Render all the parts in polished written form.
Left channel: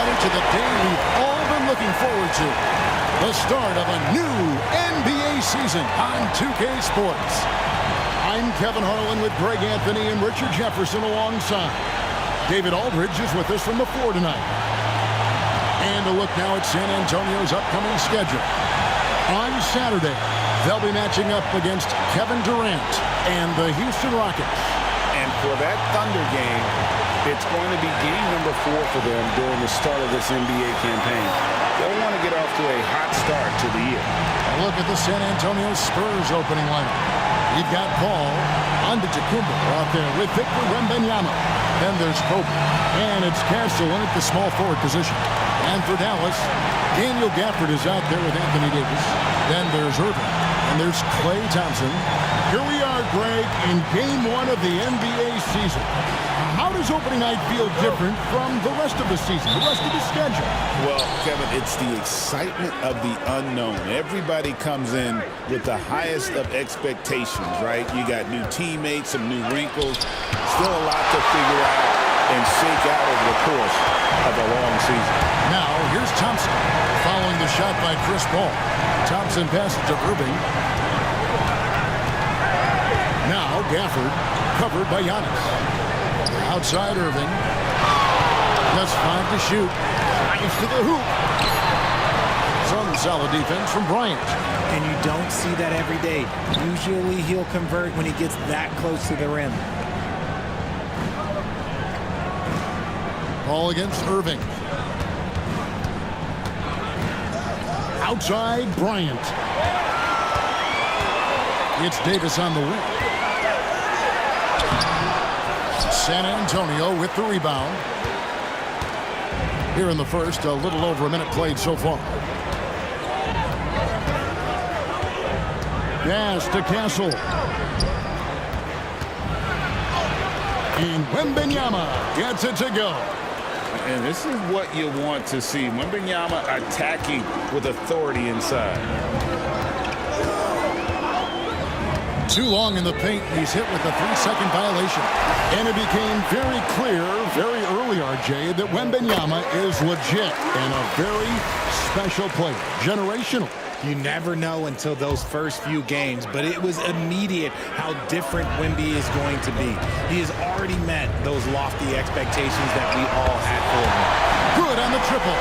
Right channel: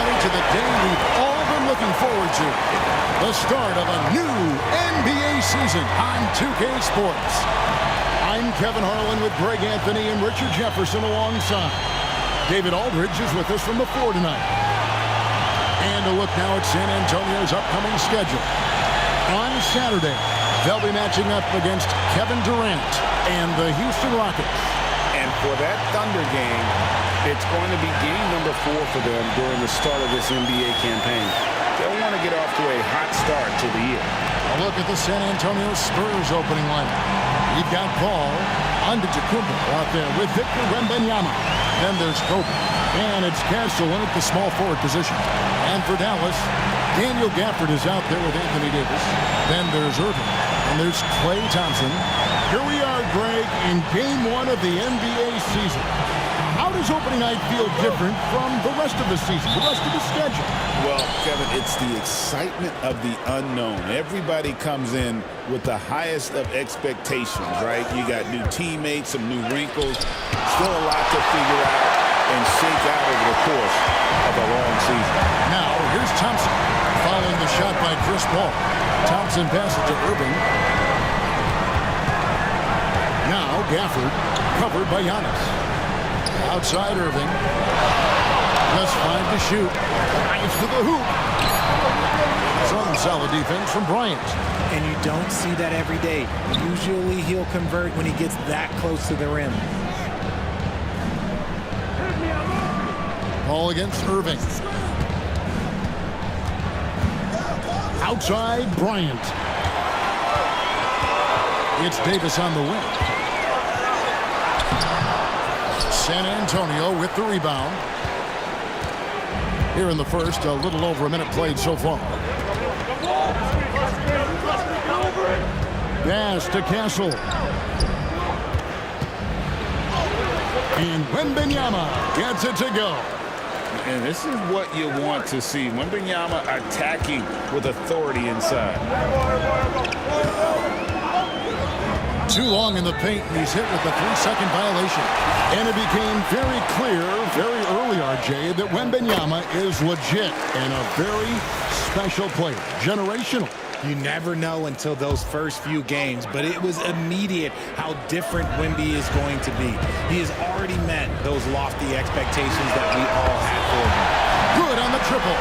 everybody, to the day we've all been looking forward to. The start of a new NBA season on 2K Sports. I'm Kevin Harlan with Greg Anthony and Richard Jefferson alongside. David Aldridge is with us from the floor tonight. And a look now at San Antonio's upcoming schedule. On Saturday, they'll be matching up against Kevin Durant and the Houston Rockets. And for that Thunder game, it's going to be game number 4 for them during the start of this NBA campaign. They'll want to get off to a hot start to the year. A look at the San Antonio Spurs opening lineup. We've got Paul Antetokounmpo out there with Victor Wembanyama. Then there's Kobe. And it's Castle in at the small forward position. And for Dallas, Daniel Gafford is out there with Anthony Davis. Then there's Irving. And there's Klay Thompson. Here we are, Greg, in Game 1 of the NBA season. How does opening night feel different from the rest of the season, the rest of the schedule? Well, Kevin, it's the excitement of the unknown. Everybody comes in with the highest of expectations, right? You got new teammates, some new wrinkles, still a lot to figure out and shake out over the course of a long season. Now, here's Thompson following the shot by Chris Paul. Thompson passes to Irving. Now, Gafford covered by Giannis. Outside Irving. Just 5 to shoot. Drives to the hoop. Some solid defense from Bryant. And you don't see that every day. Usually he'll convert when he gets that close to the rim. Ball against Irving. Outside Bryant. It's Davis on the wing. San Antonio with the rebound. Here in the first, a little over a minute played so far. Pass to Castle. And Wembanyama gets it to go. And this is what you want to see. Wembanyama attacking with authority inside. Too long in the paint, and he's hit with a 3-second violation. And it became very clear, very early, RJ, that Wembanyama is legit and a very special player. Generational. You never know until those first few games, but it was immediate how different Wemby is going to be. He has already met those lofty expectations that we all had for him. Good on the triple.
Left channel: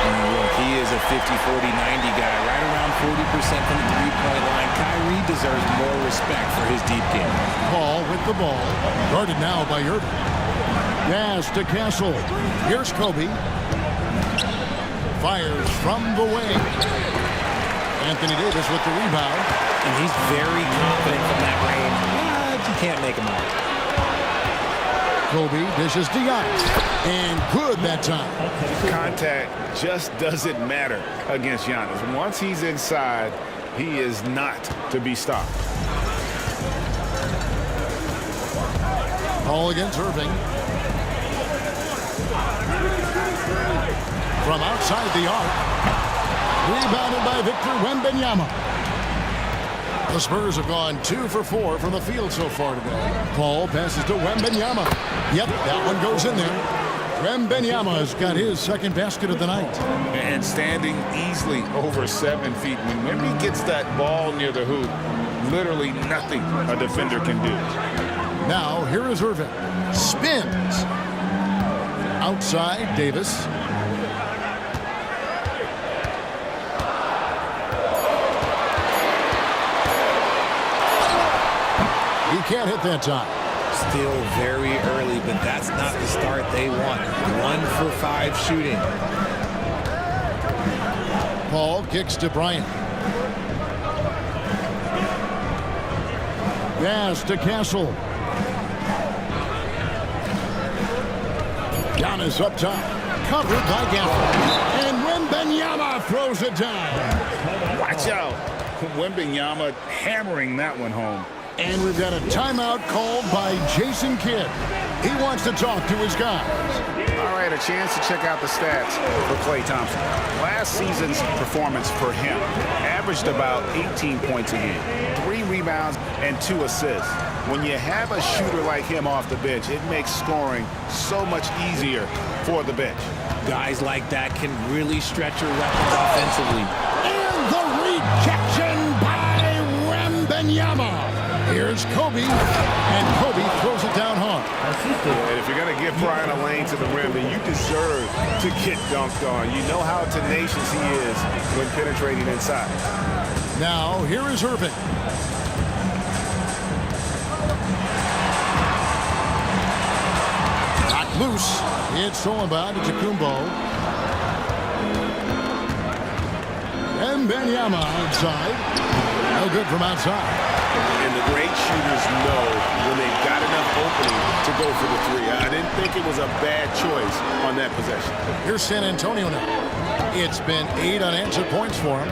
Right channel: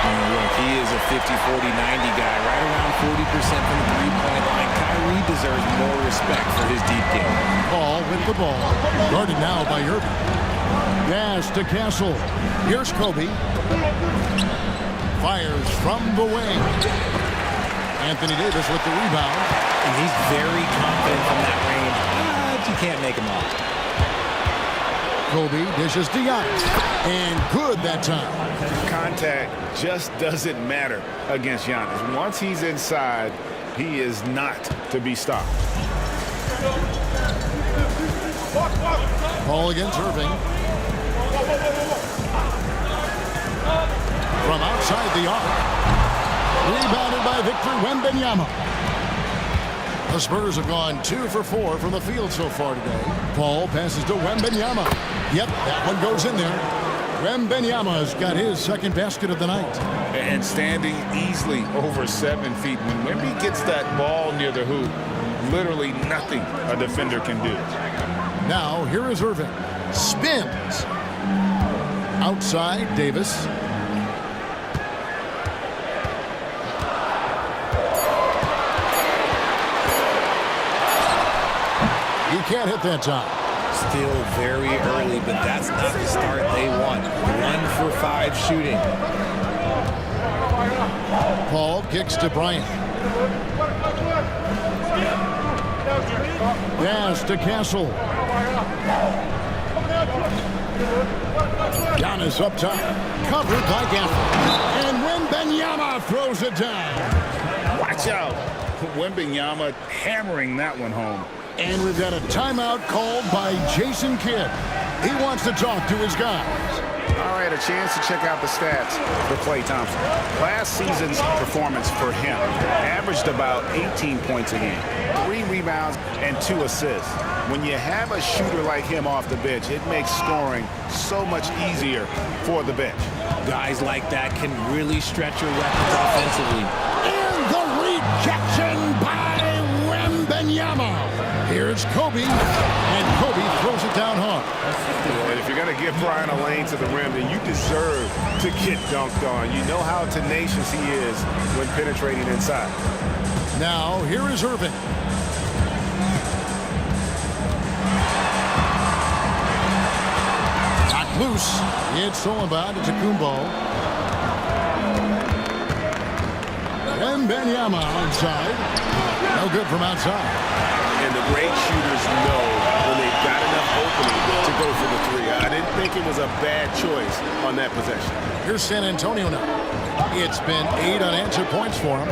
And look, he is a 50, 40, 90 guy, right around 40% from the three-point line. Kyrie deserves more respect for his deep game. Paul with the ball, guarded now by Irving. Pass to Castle. Here's Kobe. Fires from the wing. Anthony Davis with the rebound. And he's very confident from that range, but you can't make him all. Kobe dishes to Giannis. And good that time. Contact just doesn't matter against Giannis. Once he's inside, he is not to be stopped. Ball against Irving. From outside the arc. Rebounded by Victor Wembanyama. The Spurs have gone 2 for 4 from the field so far today. Paul passes to Wembanyama. Yep, that one goes in there. Wembanyama's got his second basket of the night. And standing easily over 7 feet. When Wemby gets that ball near the hoop, literally nothing a defender can do. Now, here is Irving. Spins. Outside, Davis. He can't hit that time. Still very early, but that's not the start they want. 1 for 5 shooting. Paul kicks to Bryant. Pass to Castle. Giannis up top. Covered by Gafford. And Wembanyama throws it down. Watch out. Wembanyama hammering that one home. And we've got a timeout called by Jason Kidd. He wants to talk to his guys. All right, a chance to check out the stats for Klay Thompson. Last season's performance for him averaged about 18 points a game, 3 rebounds, and 2 assists. When you have a shooter like him off the bench, it makes scoring so much easier for the bench. Guys like that can really stretch your weapons offensively. And the rejection by Wembanyama. Here's Kobe, and Kobe throws it down hard. And if you're going to give Brian a lane to the rim, then you deserve to get dunked on. You know how tenacious he is when penetrating inside. Now, here is Irving. Knocked loose. It's stolen by Antetokounmpo. Wembanyama outside. No good from outside. And the great shooters know when they've got enough opening to go for the three. I didn't think it was a bad choice on that possession. Here's San Antonio now. It's been 8 unanswered points for him.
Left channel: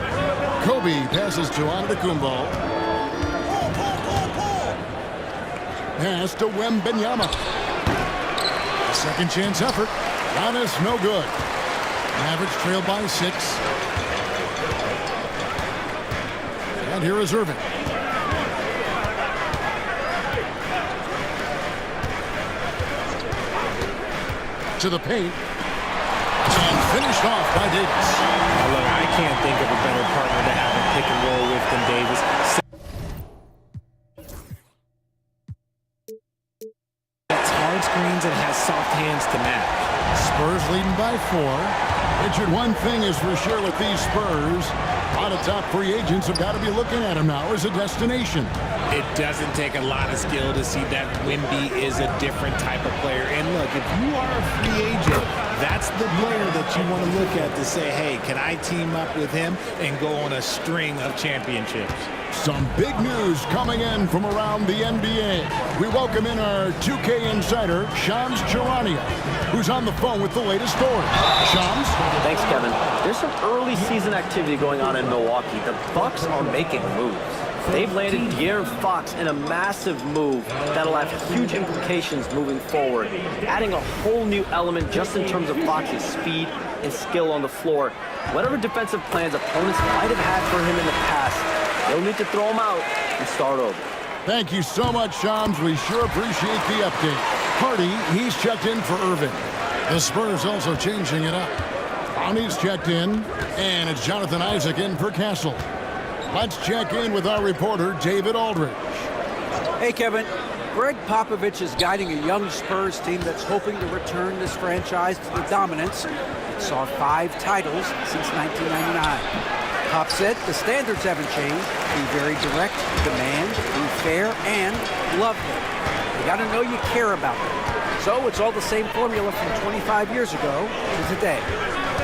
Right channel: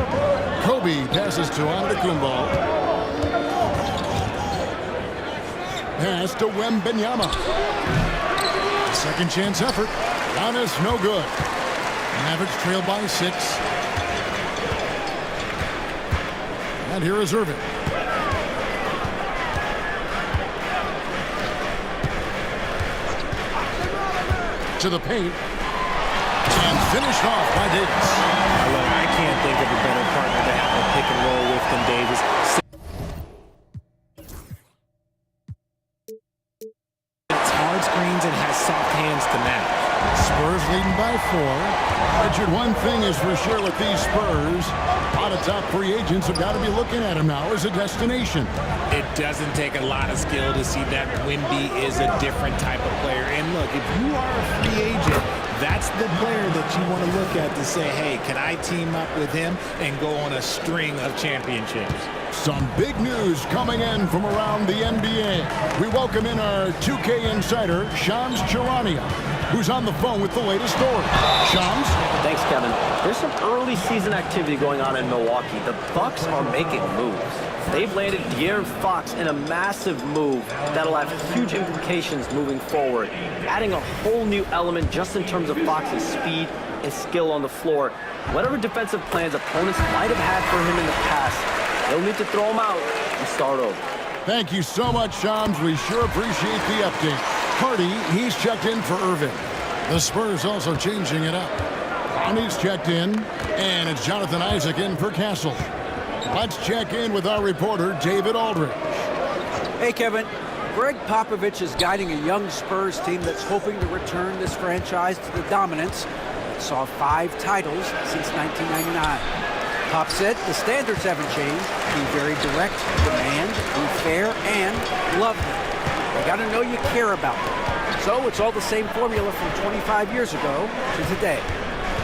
Kobe passes to Antetokounmpo. Pass to Wembanyama. Second chance effort. Giannis no good. Mavericks trail by 6. And here is Irving. To the paint. And finished off by Davis. Now, look, I can't think of a better partner to have a pick and roll with than Davis. That's hard screens and has soft hands to match. Spurs leading by 4. Richard, one thing is for sure with these Spurs, a lot of top free agents have got to be looking at him now as a destination. It doesn't take a lot of skill to see that Wemby is a different type of player. And look, if you are a free agent, that's the player that you want to look at to say, hey, can I team up with him and go on a string of championships? Some big news coming in from around the NBA. We welcome in our 2K insider, Shams Charania, who's on the phone with the latest story. Shams? Thanks, Kevin. There's some early season activity going on in Milwaukee. The Bucks are making moves. They've landed De'Aaron Fox in a massive move that'll have huge implications moving forward, adding a whole new element just in terms of Fox's speed and skill on the floor. Whatever defensive plans opponents might have had for him in the past, they'll need to throw him out and start over. Thank you so much, Shams. We sure appreciate the update. Hardy, he's checked in for Irving. The Spurs also changing it up. Brownie's checked in, and it's Jonathan Isaac in for Castle. Let's check in with our reporter, David Aldridge. Hey, Kevin. Greg Popovich is guiding a young Spurs team that's hoping to return this franchise to the dominance that saw 5 titles since 1999. Pop said the standards haven't changed. Be very direct, demand, be fair, and love them. They got to know you care about them. So it's all the same formula from 25 years ago to today.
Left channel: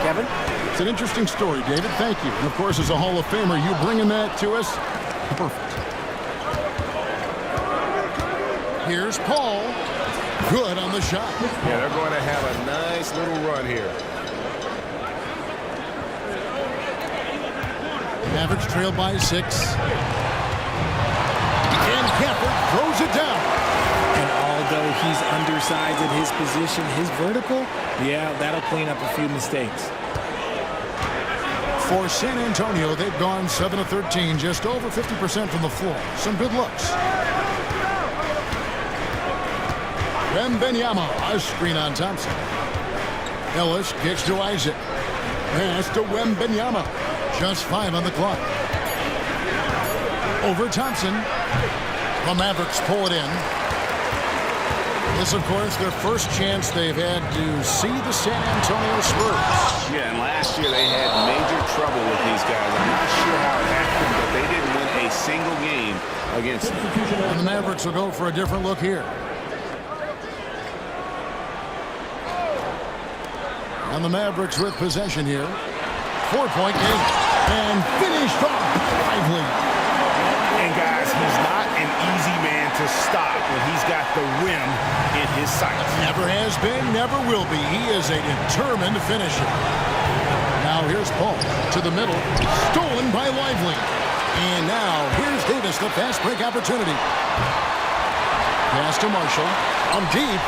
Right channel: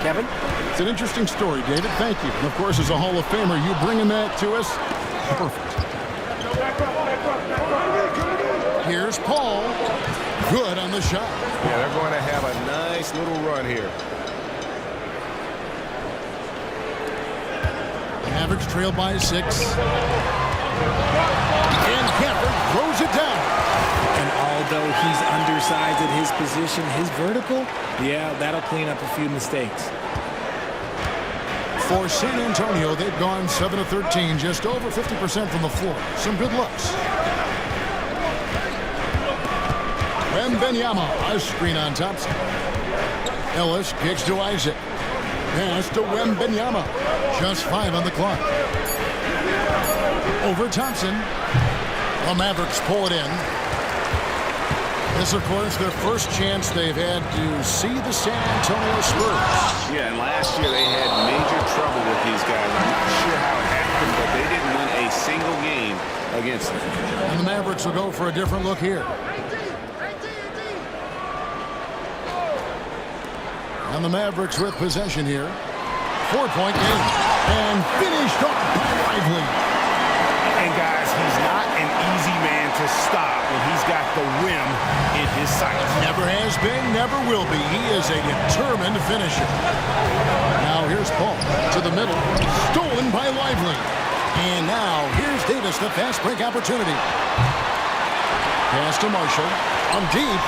Kevin? It's an interesting story, David. Thank you. And, of course, as a Hall of Famer, you bringing that to us, perfect. Here's Paul. Good on the shot. Yeah, they're going to have a nice little run here. Mavericks trail by 6. And Cafford throws it down. And although he's undersized at his position, his vertical, yeah, that'll clean up a few mistakes. For San Antonio, they've gone 7 of 13, just over 50% from the floor. Some good looks. Wembanyama, a screen on Thompson. Ellis kicks to Isaac. Pass to Wembanyama. Just 5 on the clock. Over Thompson. The Mavericks pull it in. This, of course, their first chance they've had to see the San Antonio Spurs. Yeah, and last year they had major trouble with these guys. I'm not sure how it happened, but they didn't win a single game against them. And the Mavericks will go for a different look here. And the Mavericks with possession here. 4-point game. And finished off by Lively. And guys, he's not an easy man to stop when he's got the rim in his sights. Never has been, never will be. He is a determined finisher. Now here's Paul to the middle. Stolen by Lively. And now here's Davis, the fast break opportunity. Pass to Marshall. On deep.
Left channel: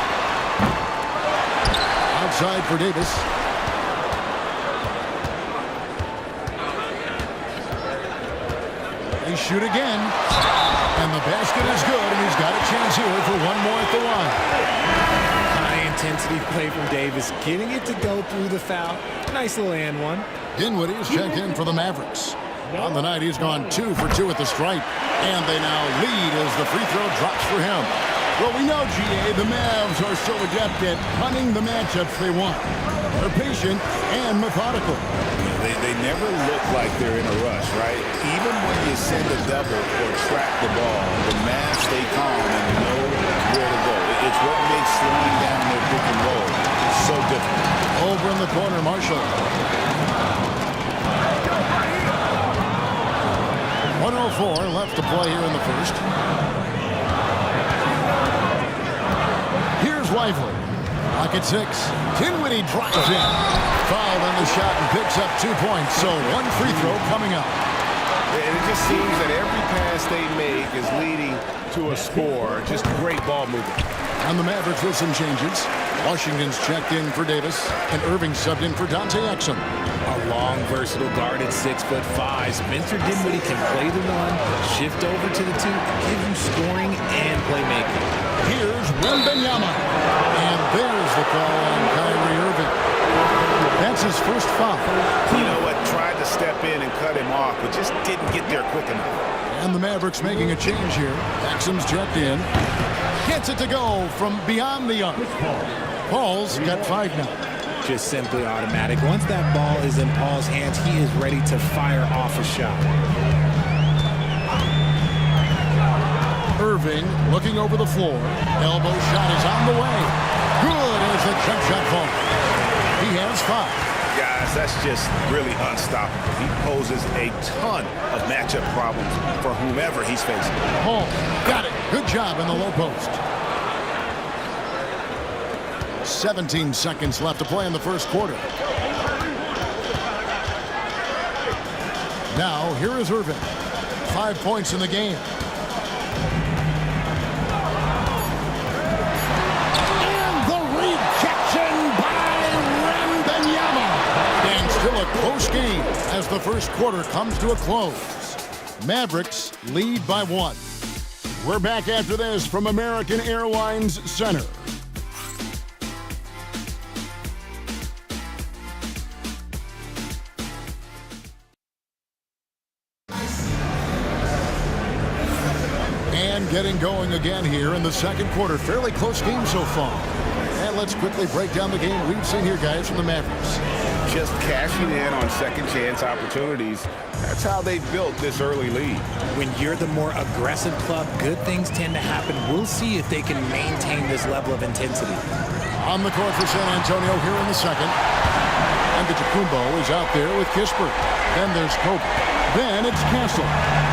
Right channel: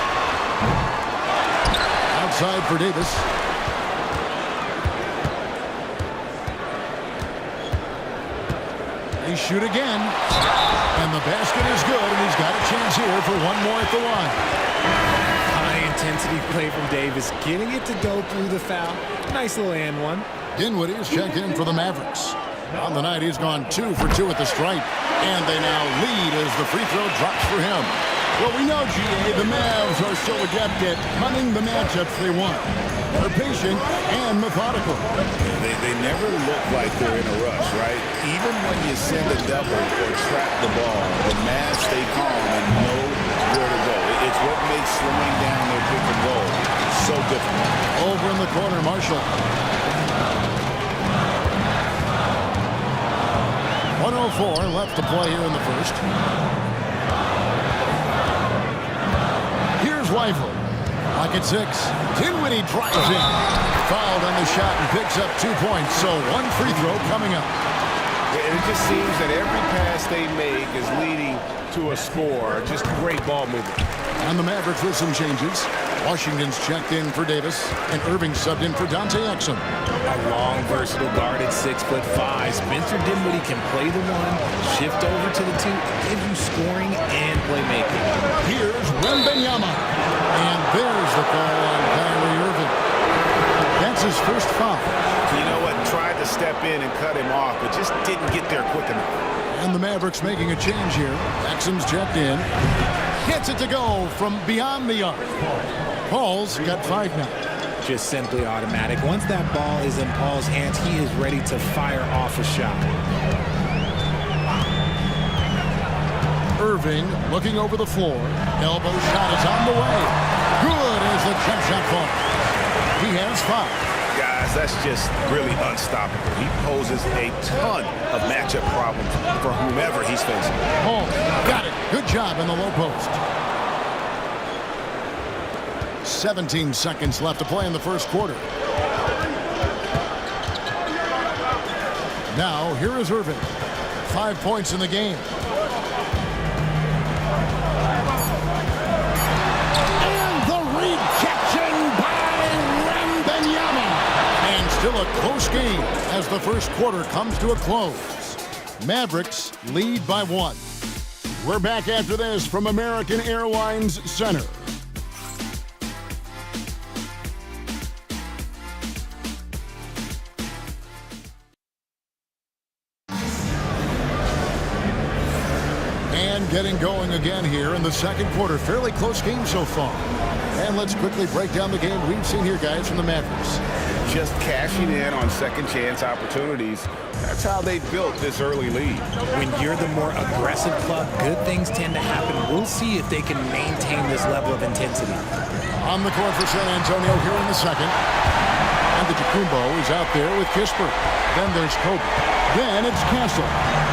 Outside for Davis. They shoot again. And the basket is good, and he's got a chance here for one more at the line. High high-intensity play from Davis, getting it to go through the foul. Nice little and one. Dinwiddie is checked in for the Mavericks. On the night, he's gone 2 for 2 at the stripe. And they now lead as the free throw drops for him. Well, we know, GA, the Mavs are so adept at hunting the matchups they want. They're patient and methodical. They never look like they're in a rush, right? Even when you send a double or trap the ball, the Mavs stay calm and know where to go. It's what makes slowing down their pick and roll so difficult. Over in the corner, Marshall. 1:04 left to play here in the first. Here's Lively. Lock at 6. Dinwiddie drives in. Fouled on the shot and picks up 2 points. So 1 free throw coming up. And it just seems that every pass they make is leading to a score. Just great ball movement. And the Mavericks with some changes. Washington's checked in for Davis, and Irving subbed in for Dante Exum. A long, versatile guard at 6'5". Spencer Dinwiddie can play the 1, shift over to the 2, give you scoring and playmaking. Here's Wembanyama. And there's the call on Kyrie Irving. That's his first foul. You know what? Tried to step in and cut him off, but just didn't get there quick enough. And the Mavericks making a change here. Exum's checked in. Gets it to go from beyond the arc. Paul's got 5 now. Just simply automatic. Once that ball is in Paul's hands, he is ready to fire off a shot. Irving looking over the floor. Elbow shot is on the way. Good as the jump shot falls. He has 5. Guys, that's just really unstoppable. He poses a ton of matchup problems for whomever he's facing. Paul got it. Good job in the low post. 17 seconds left to play in the first quarter. Now, here is Irving. 5 points in the game. And the rejection by Wembanyama. And still a close game as the first quarter comes to a close. Mavericks lead by 1. We're back after this from American Airlines Center. And getting going again here in the second quarter. Fairly close game so far. And let's quickly break down the game we've seen here, guys, from the Mavericks. Just cashing in on second chance opportunities. That's how they built this early lead. When you're the more aggressive club, good things tend to happen. We'll see if they can maintain this level of intensity. On the court for San Antonio here in the second. And the Antetokounmpo is out there with Kispert. Then there's Kobe. Then it's Castle.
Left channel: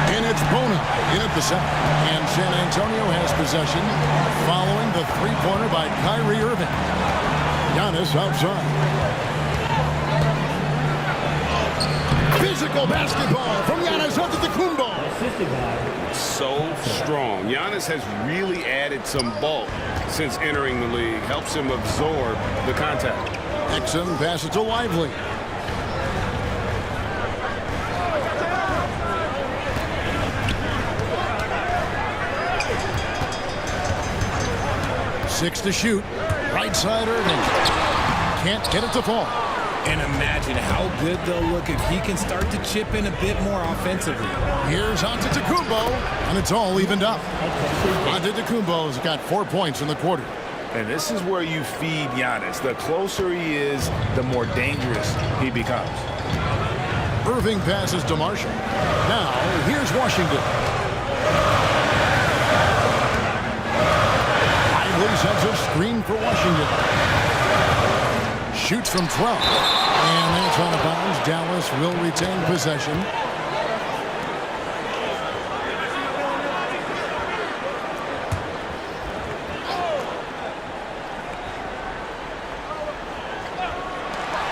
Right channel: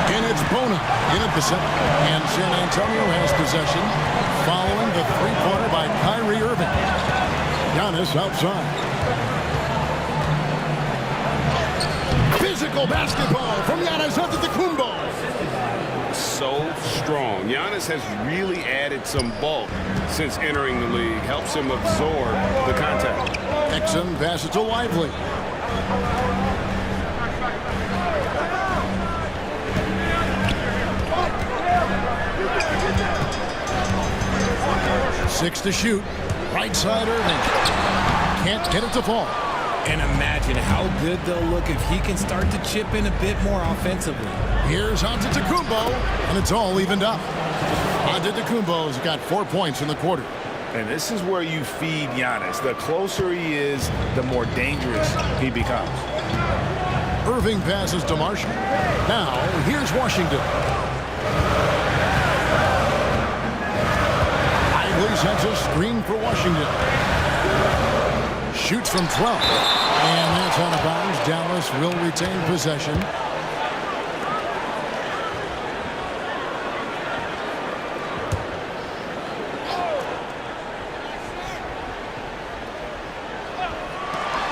And it's Bona in at the center. And San Antonio has possession following the three-pointer by Kyrie Irving. Giannis outside. Physical basketball from Giannis Antetokounmpo. So strong. Giannis has really added some bulk since entering the league. Helps him absorb the contact. Exum passes to Lively. Six to shoot. Right side Irving. Can't get it to fall. And imagine how good they'll look if he can start to chip in a bit more offensively. Here's Antetokounmpo, and it's all evened up. Antetokounmpo's got 4 points in the quarter. And this is where you feed Giannis. The closer he is, the more dangerous he becomes. Irving passes to Marshall. Now, here's Washington. Lively sends a screen for Washington. Shoots from 12. And that's out of bounds. Dallas will retain possession.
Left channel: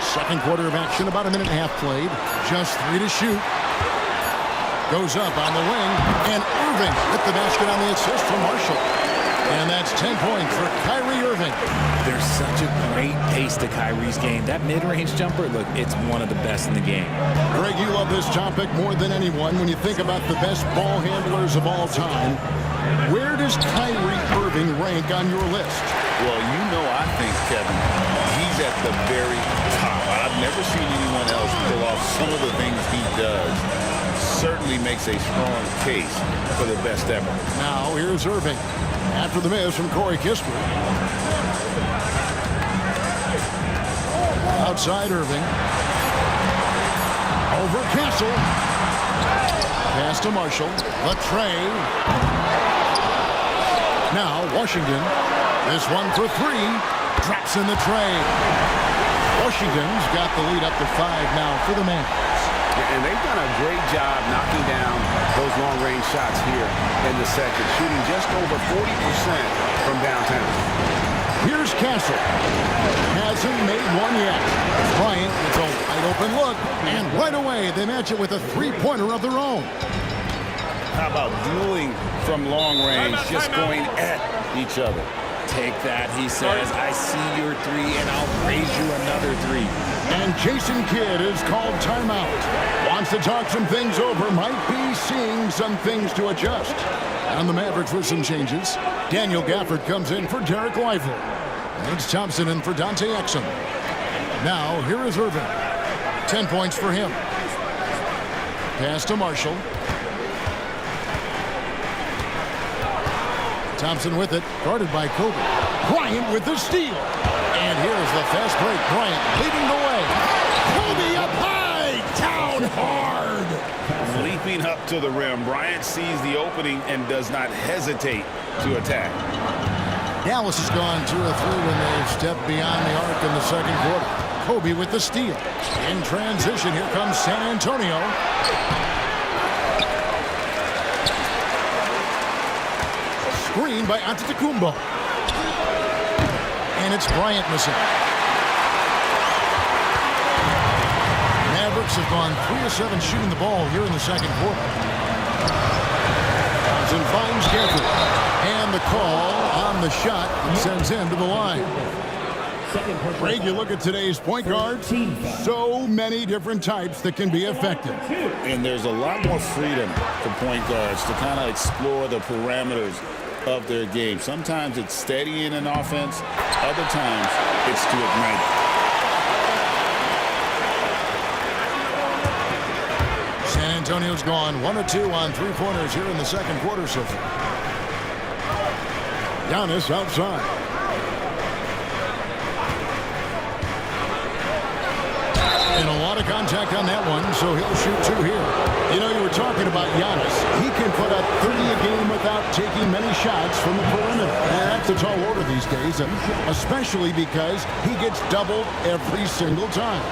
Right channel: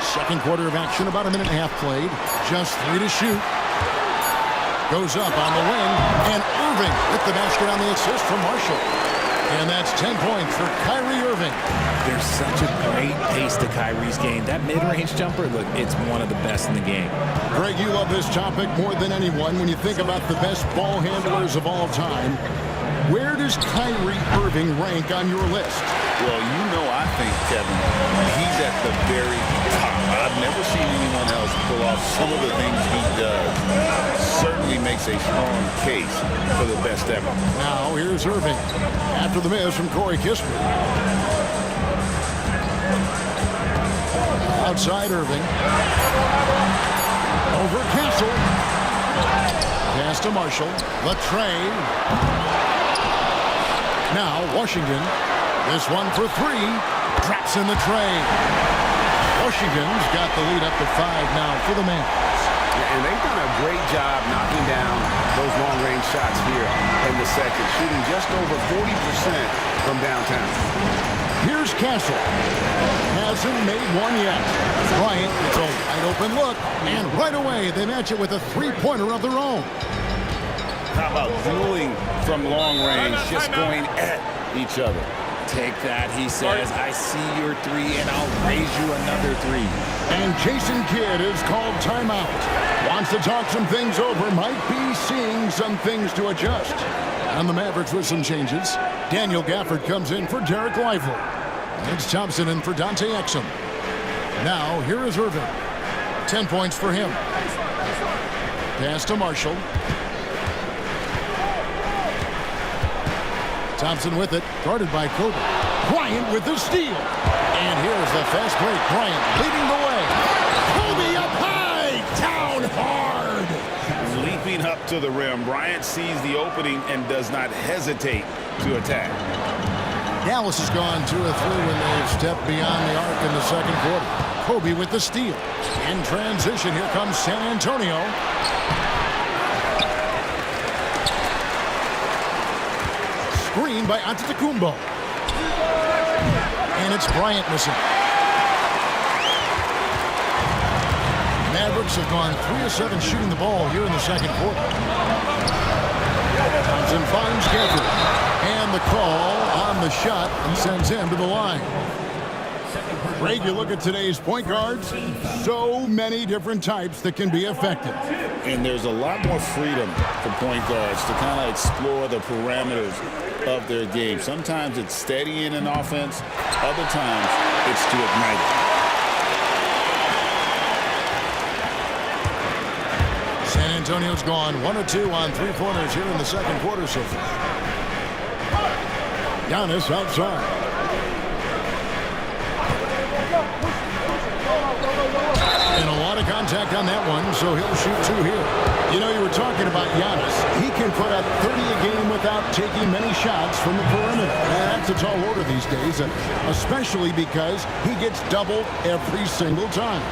Second quarter of action, about a minute and a half played. Just 3 to shoot. Goes up on the wing. And Irving with the basket on the assist from Marshall. And that's 10 points for Kyrie Irving. There's such a great pace to Kyrie's game. That mid-range jumper, look, it's one of the best in the game. Greg, you love this topic more than anyone. When you think about the best ball handlers of all time, where does Kyrie Irving rank on your list? Well, you know, I think, Kevin, he's at the very top. I've never seen anyone else pull off some of the things he does. Certainly makes a strong case for the best ever. Now, here's Irving. After the miss from Corey Kispert. Outside Irving. Over Castle. Pass to Marshall. The tray. Now, Washington. This one for three. Drops in the tray. Washington's got the lead up to 5 now for the Mavs. And they've done a great job knocking down those long-range shots here in the second, shooting just over 40% from downtown. Here's Castle. Hasn't made one yet. Bryant gets a wide-open look, and right away they match it with a three-pointer of their own. How about dueling from long range, just going at each other? Take that, he says. I see your three, and I'll raise you another three. And Jason Kidd is called timeout. Wants to talk some things over. Might be seeing some things to adjust. And the Mavericks with some changes. Daniel Gafford comes in for Derek Lively. And it's Thompson in for Dante Exum. Now, here is Irving. 10 points for him. Pass to Marshall. Thompson with it, guarded by Kobe. Bryant with the steal. And here's the fast break. Bryant leading the way. Kobe up high, down hard. Leaping up to the rim, Bryant sees the opening and does not hesitate to attack. Dallas has gone 2 of 3 when they've stepped beyond the arc in the second quarter. Kobe with the steal. In transition, here comes San Antonio. Screen by Antetokounmpo. And it's Bryant missing. Mavericks have gone 3 of 7 shooting the ball here in the second quarter. Thompson finds Gafford. And the call on the shot that sends him to the line. Greg, you look at today's point guards, so many different types that can be effective. And there's a lot more freedom for point guards to kind of explore the parameters of their game. Sometimes it's steadying an offense. Other times it's to ignite it. San Antonio's gone 1 of 2 on three-pointers here in the second quarter so far. Giannis outside. And a lot of contact on that one, so he'll shoot 2 here. You know, you were talking about Giannis. He can put up 30 a game without taking many shots from the perimeter. That's a tall order these days, especially because he gets doubled every single time.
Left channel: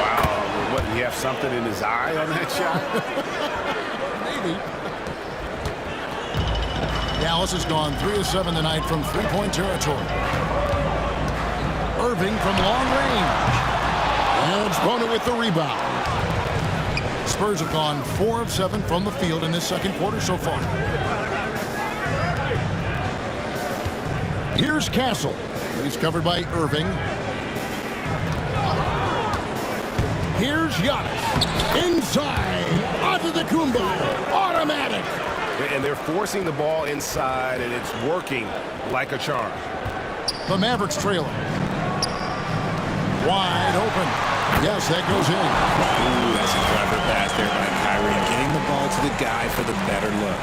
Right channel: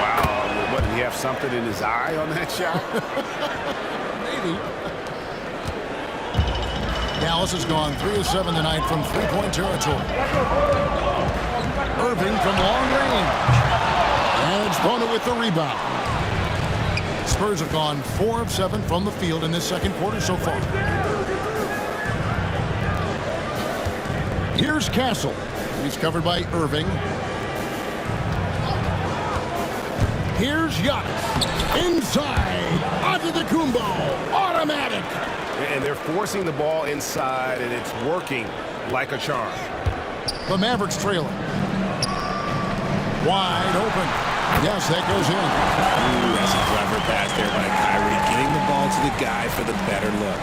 Wow, what, did he have something in his eye on that shot? Maybe. Dallas has gone 3 of 7 tonight from three-point territory. Irving from long range. And it's Bona with the rebound. Spurs have gone 4 of 7 from the field in this second quarter so far. Here's Castle. He's covered by Irving. Here's Giannis. Inside. Antetokounmpo. Automatic. And they're forcing the ball inside, and it's working like a charm. The Mavericks trailing. Wide open. Yes, that goes in. Ooh, that's a clever pass there by Kyrie, getting the ball to the guy for the better look.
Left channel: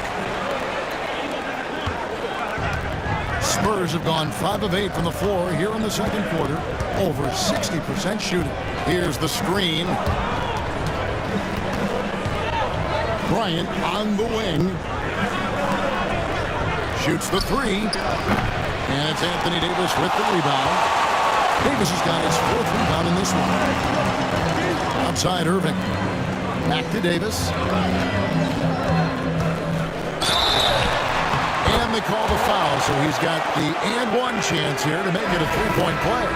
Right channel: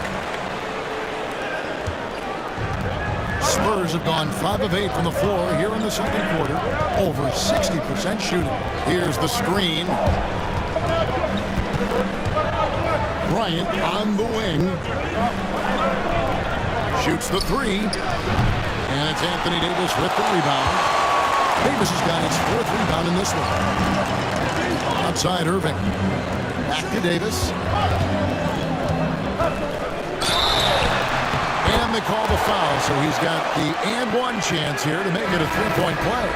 Spurs have gone 5 of 8 from the floor here in the second quarter. Over 60% shooting. Here's the screen. Bryant on the wing. Shoots the 3. And it's Anthony Davis with the rebound. Davis has got his 4th rebound in this one. Outside Irving. Back to Davis. And they call the foul, so he's got the and one chance here to make it a three-point play.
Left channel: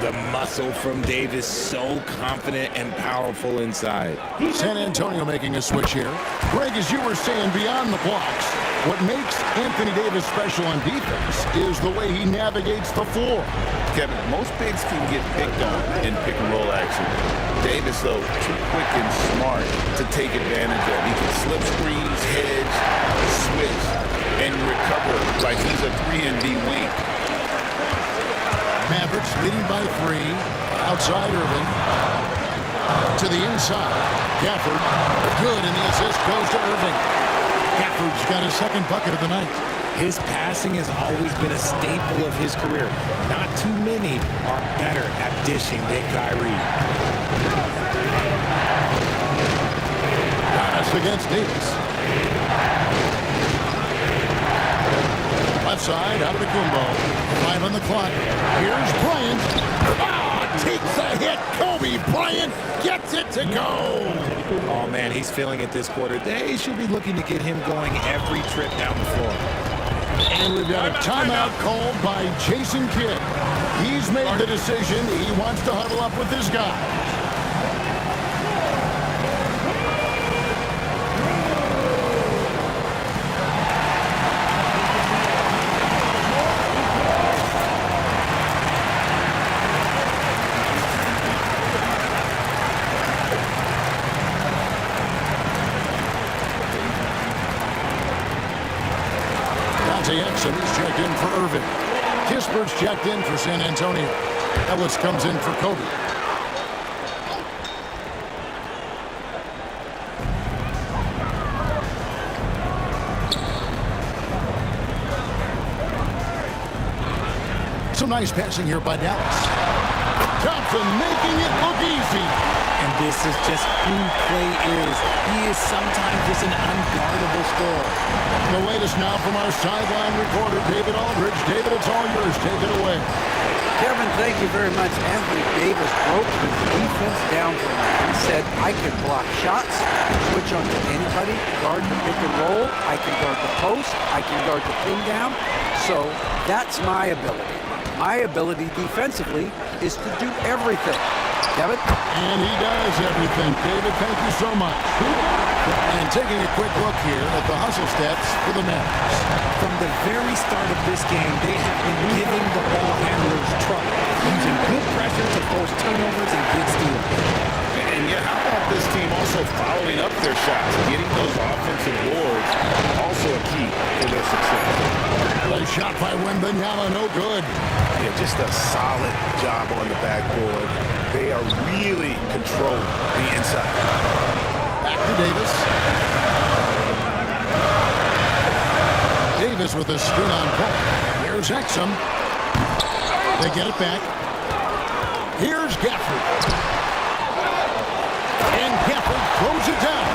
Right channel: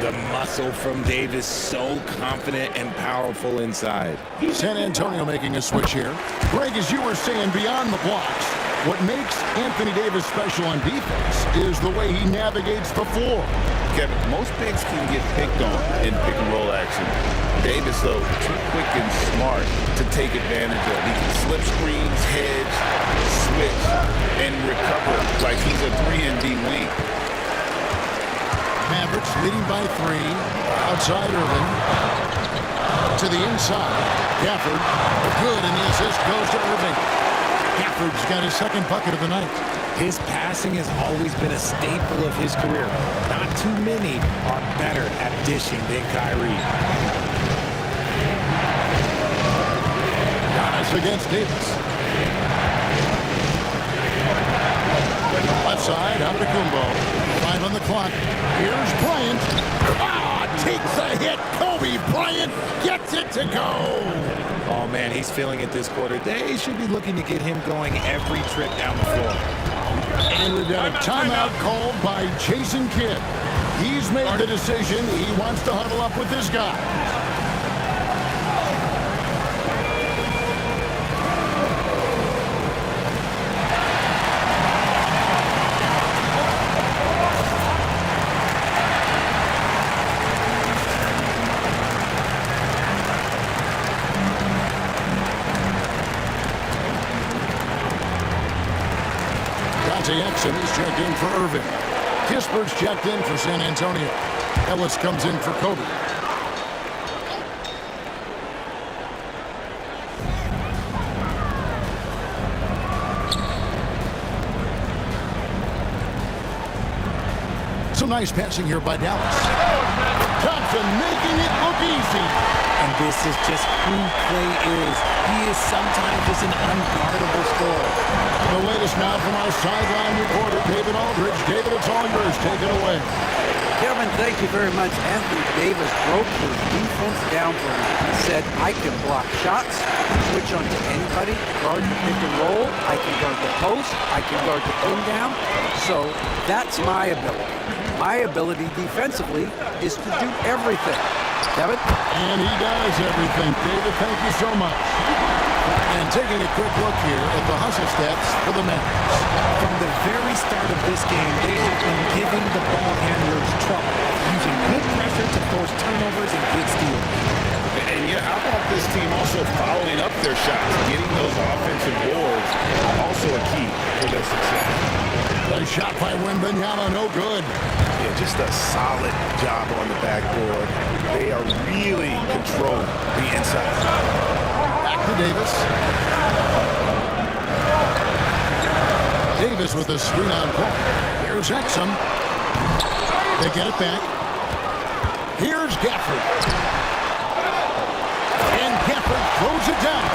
The muscle from Davis, so confident and powerful inside. San Antonio making a switch here. Greg, as you were saying, beyond the blocks, what makes Anthony Davis special on defense is the way he navigates the floor. Kevin, most bigs can get picked on in pick-and-roll action. Davis, though, too quick and smart to take advantage of. He can slip screens, hedge, switch, and recover like he's a 3-and-D wing. Mavericks leading by 3. Outside Irving. To the inside. Gafford. Good, and the assist goes to Irving. Gafford's got his second bucket of the night. His passing has always been a staple of his career. Not too many are better at dishing than Kyrie. Giannis against Davis. Left side, out of the Kumbo. 5 on the clock. Here's Bryant. Takes a hit. Kobe Bryant gets it to go. Oh, man, he's feeling it this quarter. They should be looking to get him going every trip down the floor. And we've got a timeout called by Jason Kidd. He's made the decision. He wants to huddle up with this guy. Exum, he's checked in for Irving. Kispert's checked in for San Antonio. Ellis comes in for Kobe. Some nice passing here by Dallas. Thompson making it look easy. And this is just who Clay is. He is sometimes just an unguardable scorer. The latest now from our sideline reporter, David Aldridge. David, it's all yours. Take it away. Kevin, thank you very much. Anthony Davis broke his defense down for me. He said, I can block shots, switch on to anybody, guard the pick and roll, I can guard the post, I can guard the pin down. So that's my ability. My ability defensively is to do everything. Kevin? And he does everything. David, thank you so much. And taking a quick look here at the hustle stats for the Mavs. From the very start of this game, they have been giving the ball handlers trouble, using good pressure to force turnovers and good steals. And yeah, how about this team also following up their shots, getting those offensive boards, also a key for their success. A shot by Wembanyama, no good. Yeah, just a solid job on the backboard. They are really controlling the inside. Back to Davis. Davis with a screen on point. Here's Exum. They get it back. Here's Gafford. And Gafford throws it down.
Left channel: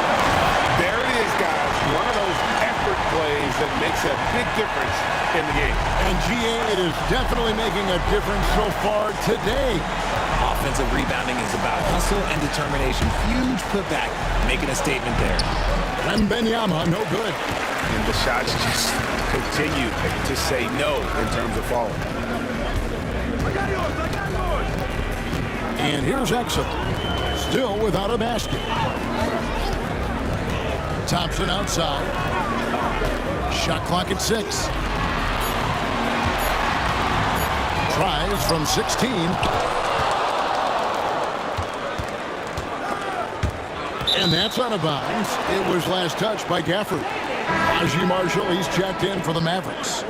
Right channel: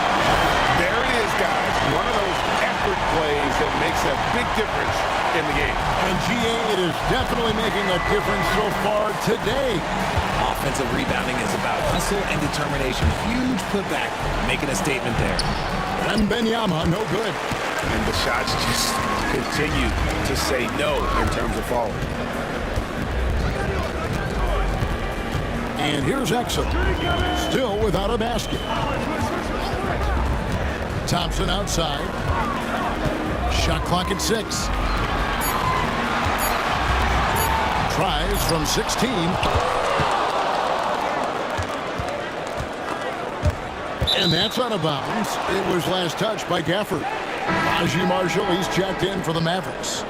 There it is, guys. One of those effort plays that makes a big difference in the game. And GA, it is definitely making a difference so far today. Offensive rebounding is about hustle and determination. Huge putback, making a statement there. Wembanyama, no good. And the shots just continue to say no in terms of falling. And here's Exum, still without a basket. Thompson outside. Shot clock at 6. Tries from 16. And that's out of bounds. It was last touched by Gafford. Najee Marshall, he's checked in for the Mavericks.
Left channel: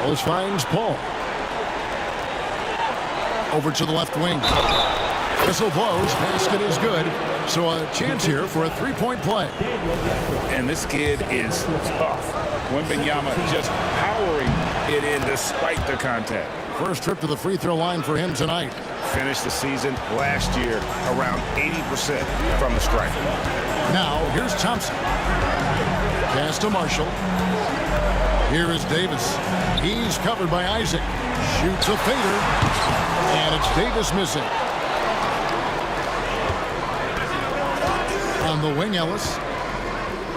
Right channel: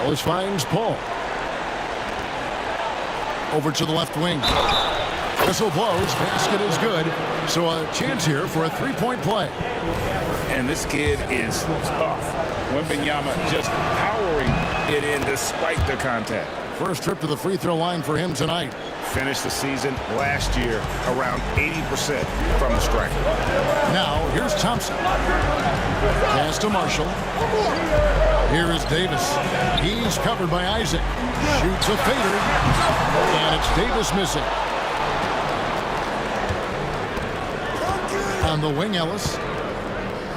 Ellis finds Paul. Over to the left wing. Whistle blows. Basket is good. So a chance here for a three-point play. And this kid is tough. Wembanyama just powering it in despite the contact. First trip to the free throw line for him tonight. Finished the season last year around 80% from the stripe. Now, here's Thompson. Pass to Marshall. Here is Davis. He's covered by Isaac. Shoots a fader. And it's Davis missing. On the wing, Ellis.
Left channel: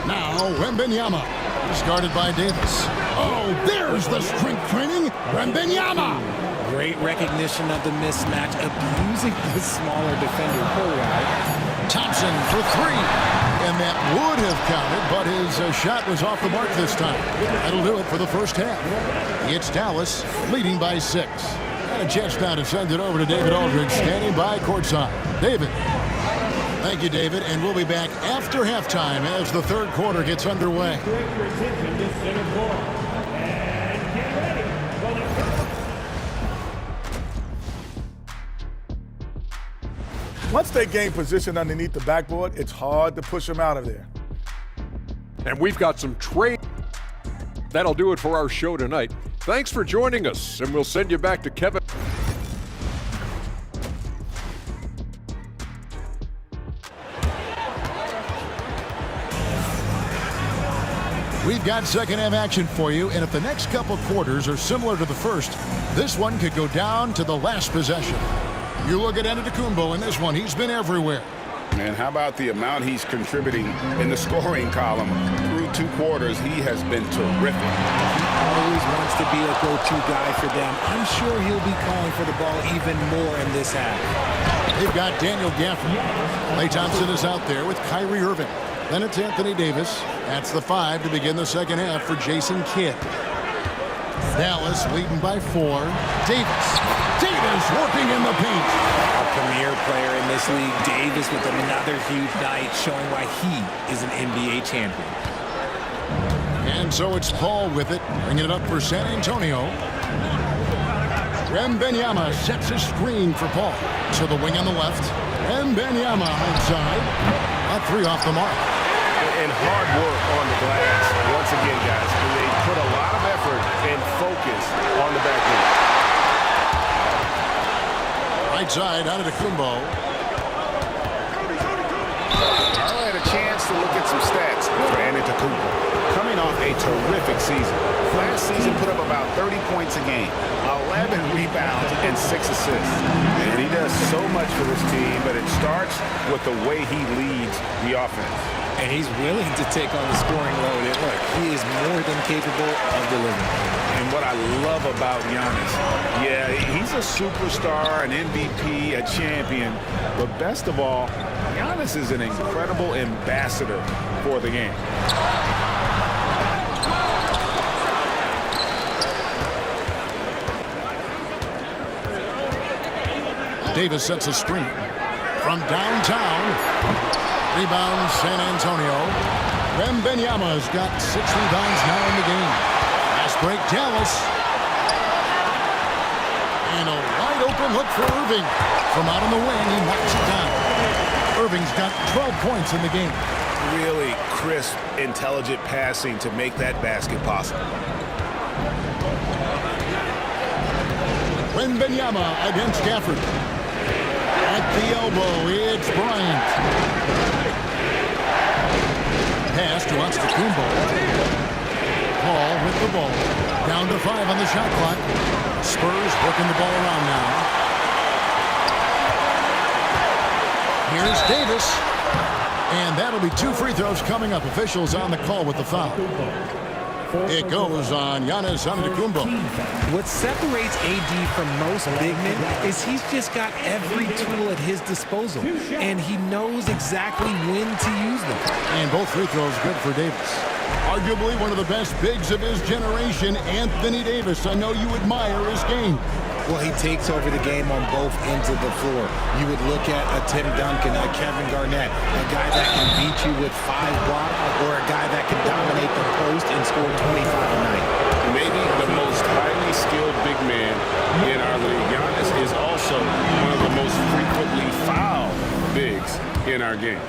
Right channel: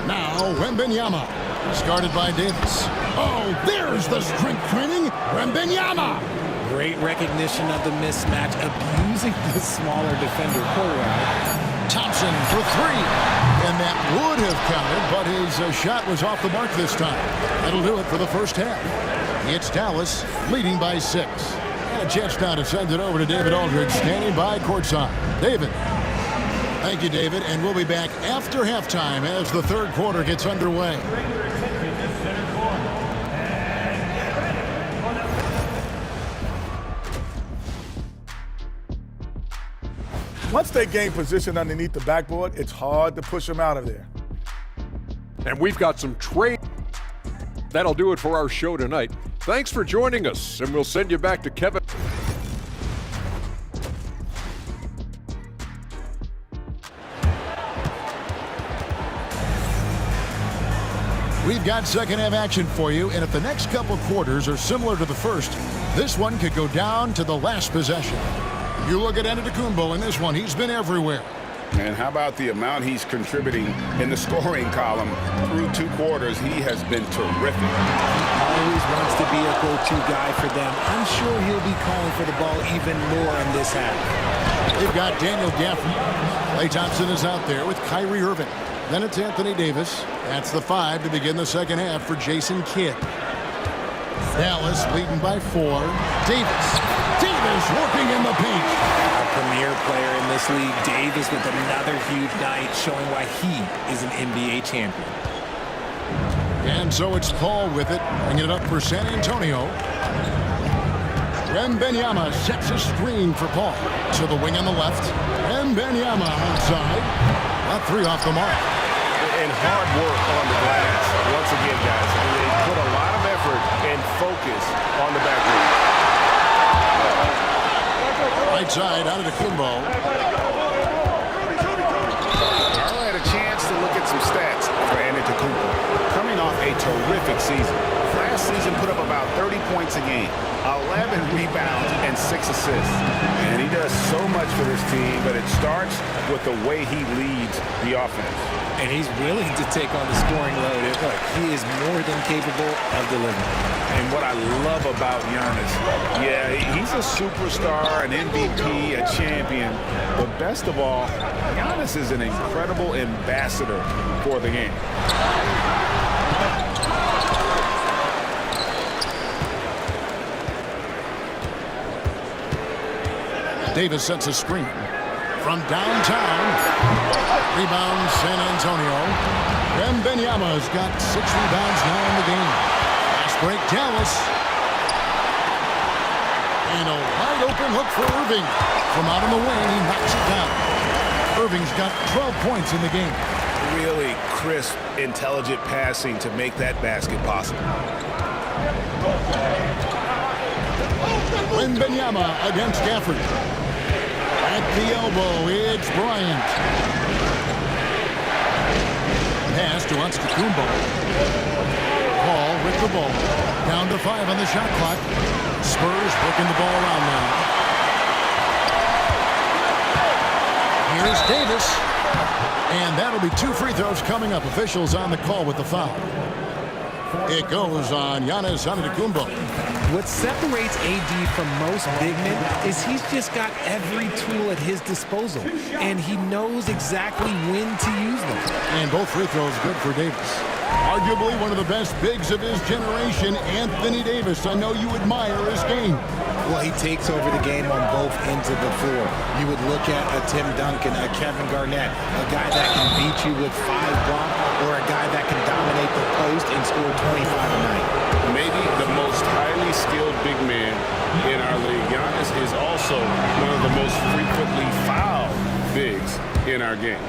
Now, Wembanyama. He's guarded by Davis. Oh, there's the strength training. Wembanyama. Great recognition of the mismatch, abusing the smaller defender. Poor guy. Thompson for 3. And that would have counted, but his shot was off the mark this time. That'll do it for the first half. It's Dallas leading by 6. And a chance now to send it over to David Aldridge, standing by courtside. David. Thank you, David, and we'll be back after halftime as the third quarter gets underway. Once they gain position underneath the backboard, it's hard to push them out of there. And we've got some trade. That'll do it for our show tonight. Thanks for joining us, and we'll send you back to Kevin. We've got second half action for you, and if the next couple quarters are similar to the first, this one could go down to the last possession. You look at Antetokounmpo in this one, he's been everywhere. And how about the amount he's contributing in the scoring column through 2 quarters? He has been terrific. He always wants to be a go-to guy for them. I'm sure he'll be calling for the ball even more in this half. They've got Daniel Gafford. Klay Thompson is out there with Kyrie Irving. Then it's Anthony Davis. That's the 5 to begin the second half for Jason Kidd. Dallas leading by 4. Davis working in the paint. Our premier player in this league, Davis, with another huge night, showing why he is an NBA champion. And so it's Paul with it, bringing it up for San Antonio. Wembanyama sets a screen for Paul. To the wing on the left. Wembanyama outside. A 3 off the mark. And hard work on the glass. Once again, guys, they put a lot of effort and focus on the back line. Right side, Antetokounmpo. All right, a chance to look at some stats for Antetokounmpo. Coming off a terrific season. Last season put up about 30 points a game, 11 rebounds, and 6 assists. And he does so much for this team, but it starts with the way he leads the offense. And he's willing to take on the scoring load. And look, he is more than capable of delivering. And what I love about Giannis, yeah, he's a superstar, an MVP, a champion. But best of all, Giannis is an incredible ambassador for the game. Davis sets a screen from downtown. Rebound, San Antonio. Wembanyama's got 6 rebounds now in the game. Fast break, Dallas. And a wide open look for Irving. From out on the wing, he knocks it down. Irving's got 12 points in the game. Really crisp, intelligent passing to make that basket possible. Wembanyama against Gafford. At the elbow, it's Bryant. Pass to Antetokounmpo. Paul with the ball. Down to 5 on the shot clock. Spurs working the ball around now. Here's Davis. And that'll be 2 free throws coming up. Officials on the call with the foul. It goes on Giannis Antetokounmpo. What separates AD from most big men is he's just got every tool at his disposal, and he knows exactly when to use them. And both free throws good for Davis. Arguably one of the best bigs of his generation, Anthony Davis. I know you admire his game. Well, he takes over the game on both ends of the floor. You would look at a Tim Duncan, a Kevin Garnett, a guy that can beat you with 5 blocks, or a guy that can dominate the post and score 25 a night. Maybe the most highly skilled big man in our league. Giannis is also one of the most frequently fouled bigs in our game.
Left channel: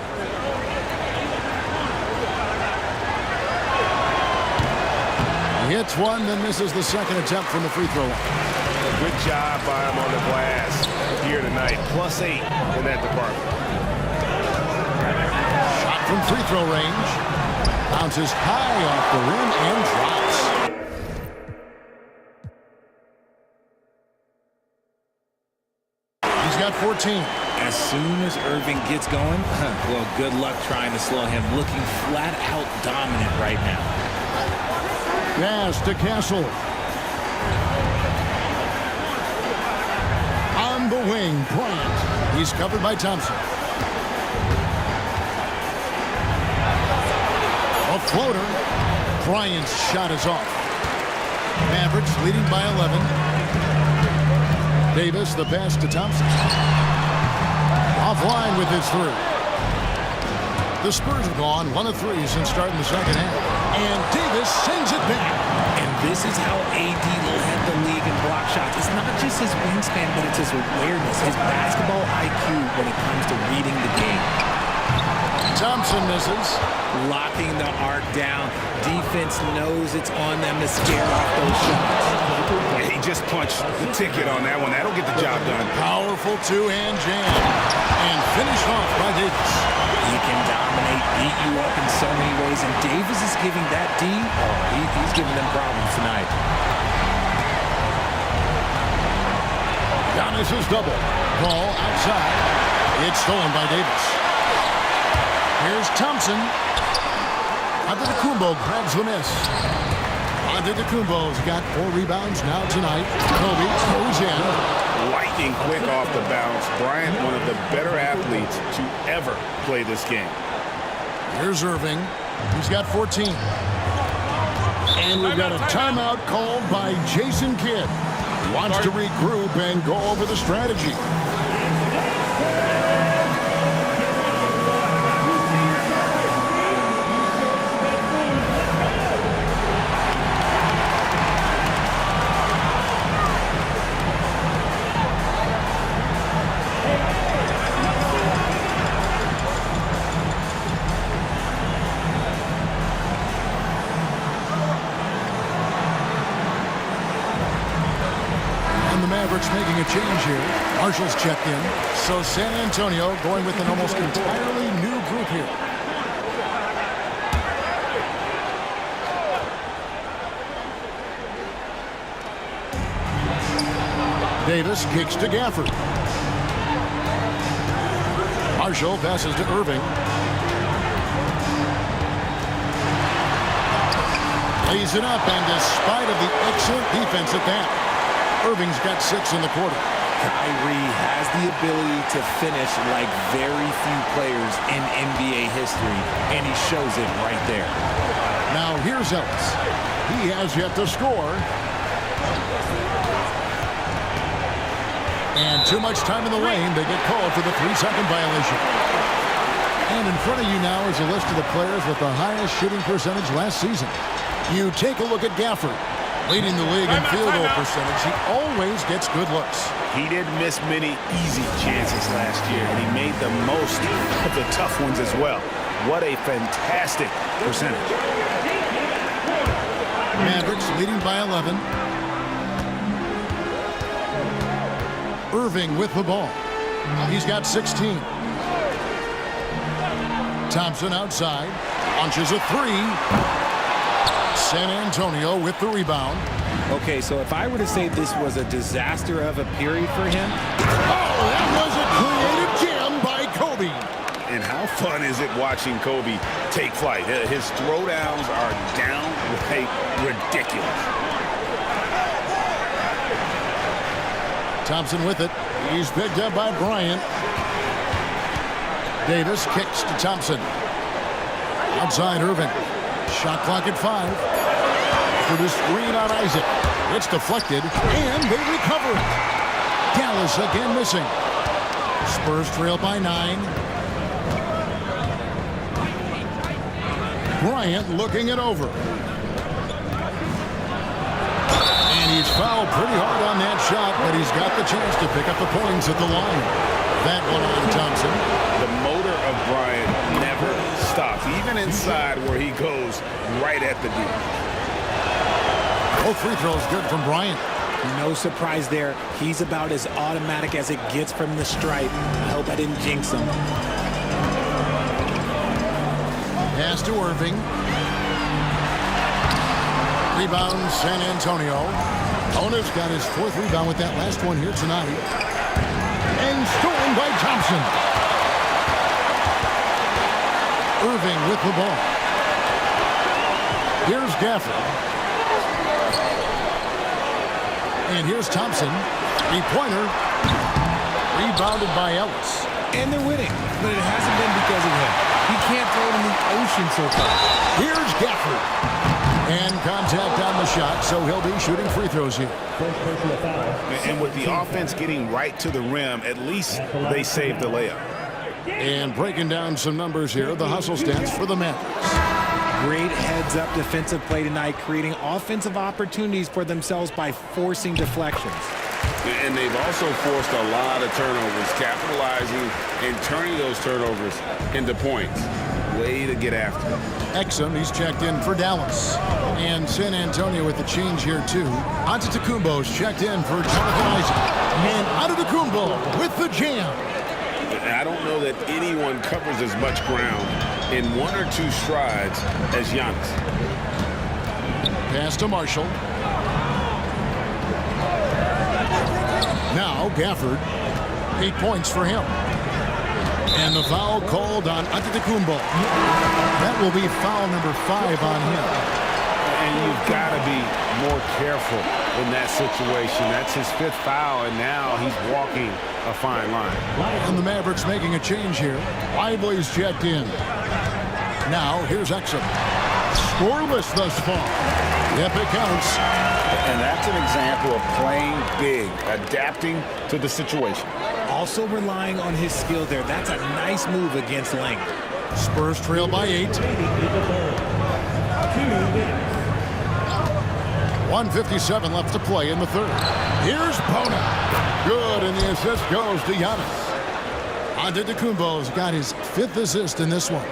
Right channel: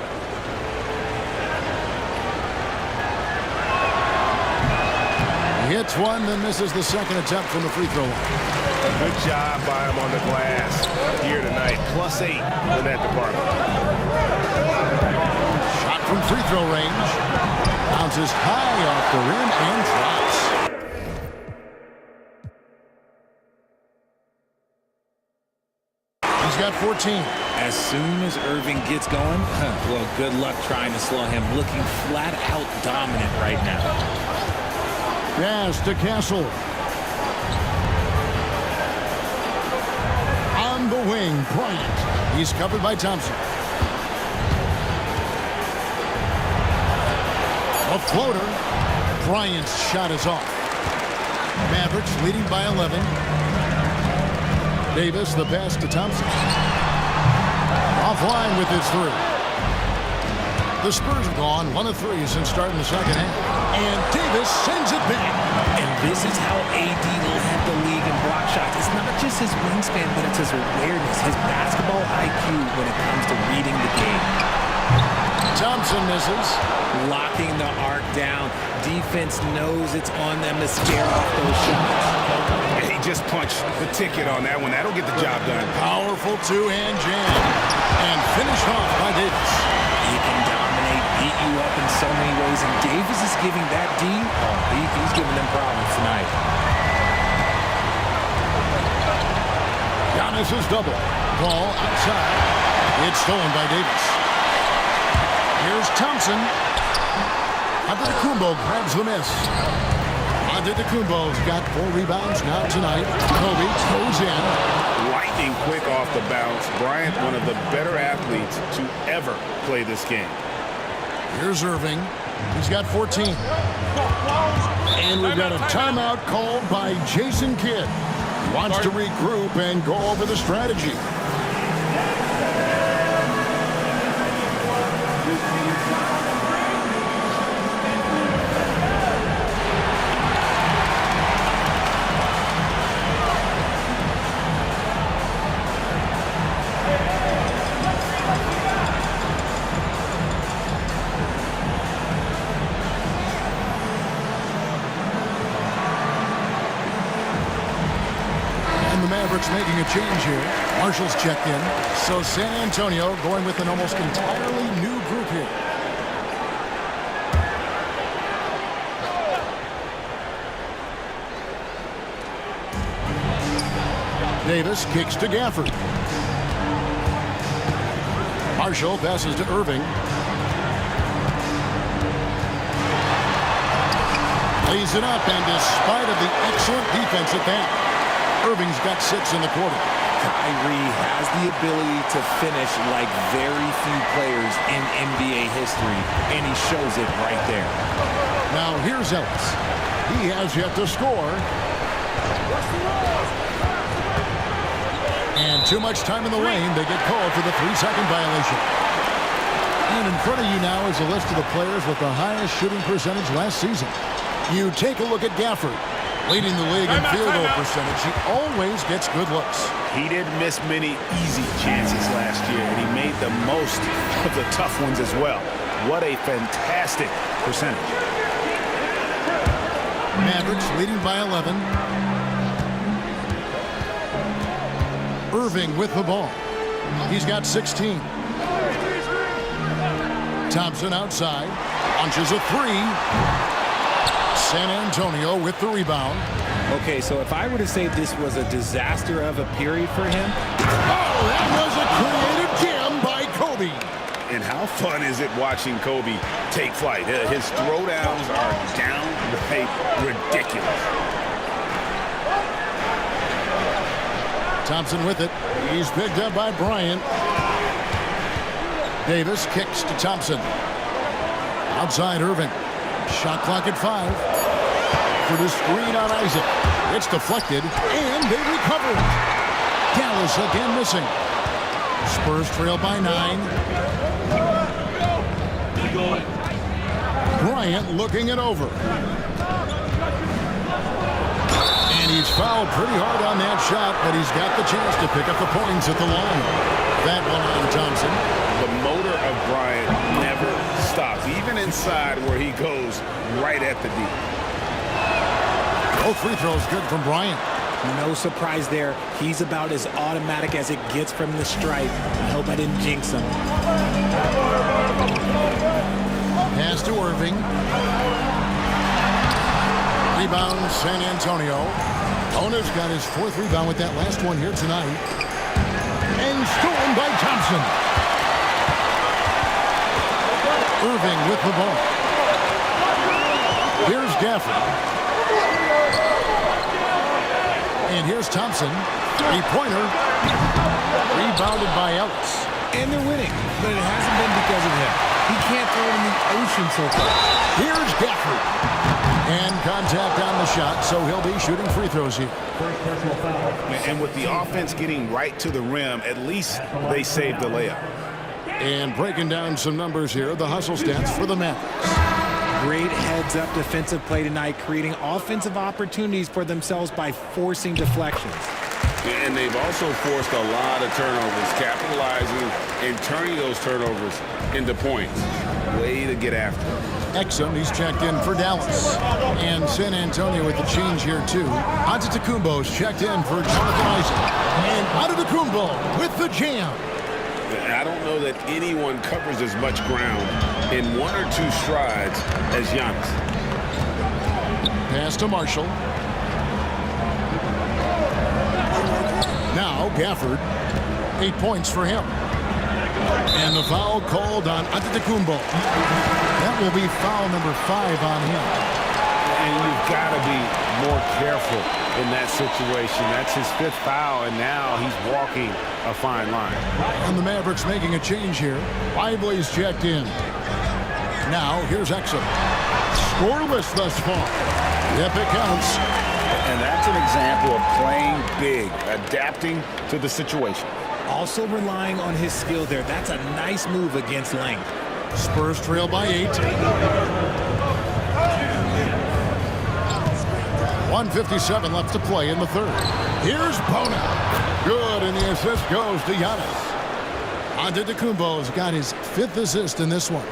He hits one, then misses the second attempt from the free throw line. A good job by him on the glass here tonight. +8 in that department. Shot from free throw range. Bounces high off the rim and drops. He's got 14. As soon as Irving gets going, well, good luck trying to slow him. Looking flat out dominant right now. Pass to Castle. On the wing, Bryant. He's covered by Thompson. A floater. Bryant's shot is off. Mavericks leading by 11. Davis, the pass to Thompson. Offline with his 3. The Spurs have gone 1 of 3 since starting the second half. And Davis sends it back. And this is how AD led the league in block shots. It's not just his wingspan, but it's his awareness, his basketball IQ when it comes to reading the game. Thompson misses. Locking the arc down. Defense knows it's on them to scare off those shots. He just punched the ticket on that one. That'll get the job done. Powerful two-hand jam. And finished off by Davis. He can dominate, beat you up in so many ways, and Davis is giving that D, he's giving them problems tonight. Giannis is double. Ball outside. It's stolen by Davis. Here's Thompson. Antetokounmpo grabs the miss. Antetokounmpo's got 4 rebounds now tonight. Kobe goes in. Lightning quick off the bounce. Bryant, one of the better athletes to ever play this game. Here's Irving. He's got 14. And we've got a timeout called by Jason Kidd. Wants to regroup and go over the strategy. The Mavericks making a change here. Marshall's checked in. So San Antonio going with an almost entirely new group here. Davis kicks to Gafford. Marshall passes to Irving. Lays it up, and despite of the excellent defense at that, Irving's got 6 in the quarter. Kyrie has the ability to finish like very few players in NBA history, and he shows it right there. Now here's Ellis. He has yet to score. And too much time in the lane. They get called for the 3-second violation. And in front of you now is a list of the players with the highest shooting percentage last season. You take a look at Gafford. Leading the league in field goal percentage. He always gets good looks. He didn't miss many easy chances last year, and he made the most of the tough ones as well. What a fantastic percentage. Mavericks leading by 11. Irving with the ball. He's got 16. Thompson outside. Launches a 3. San Antonio with the rebound. Okay, so if I were to say this was a disaster of a period for him. Oh, that was a creative jam by Kobe. And how fun is it watching Kobe take flight? His throwdowns are downright ridiculous. Thompson with it. He's picked up by Bryant. Davis kicks to Thompson. Outside Irving. Shot clock at 5. For the screen on Isaac. It's deflected, and they recover it. Dallas again missing. Spurs trail by 9. Bryant looking it over. And he's fouled pretty hard on that shot, but he's got the chance to pick up the points at the line. That one on Thompson. The motor of Bryant never stops, even inside where he goes right at the D. Both free throws good from Bryant. No surprise there. He's about as automatic as it gets from the stripe. I hope I didn't jinx him. Pass to Irving. Rebound San Antonio. Ona's got his 4th rebound with that last one here tonight. And stolen by Thompson. Irving with the ball. Here's Gafford. And here's Thompson. 3-pointer. Rebounded by Ellis. And they're winning, but it hasn't been because of him. He can't throw it in the ocean so far. Here's Gafford. And contact on the shot, so he'll be shooting free throws here. And with the offense getting right to the rim, at least they saved the layup. And breaking down some numbers here, the hustle stats for the Mavericks. Great heads-up defensive play tonight, creating offensive opportunities for themselves by forcing deflections. And they've also forced a lot of turnovers, capitalizing and turning those turnovers into points. Way to get after it. Exum, he's checked in for Dallas. And San Antonio with the change here, too. Antetokounmpo's checked in for Jonathan Isaac. And Antetokounmpo with the jam. I don't know that anyone covers as much ground in 1 or 2 strides as Giannis. Pass to Marshall. Now Gafford. 8 points for him. And the foul called on Antetokounmpo. That will be foul number 5 on him. And you've got to be more careful in that situation. That's his 5th foul, and now he's walking a fine line. And the Mavericks making a change here. Lively's checked in. Now here's Exum. Scoreless thus far. Yep, it counts. And that's an example of playing big, adapting to the situation. Also relying on his skill there. That's a nice move against length. Spurs trail by 8. 1:57 left to play in the third. Here's Bona. Good, and the assist goes to Giannis. Antetokounmpo's got his 5th assist in this one.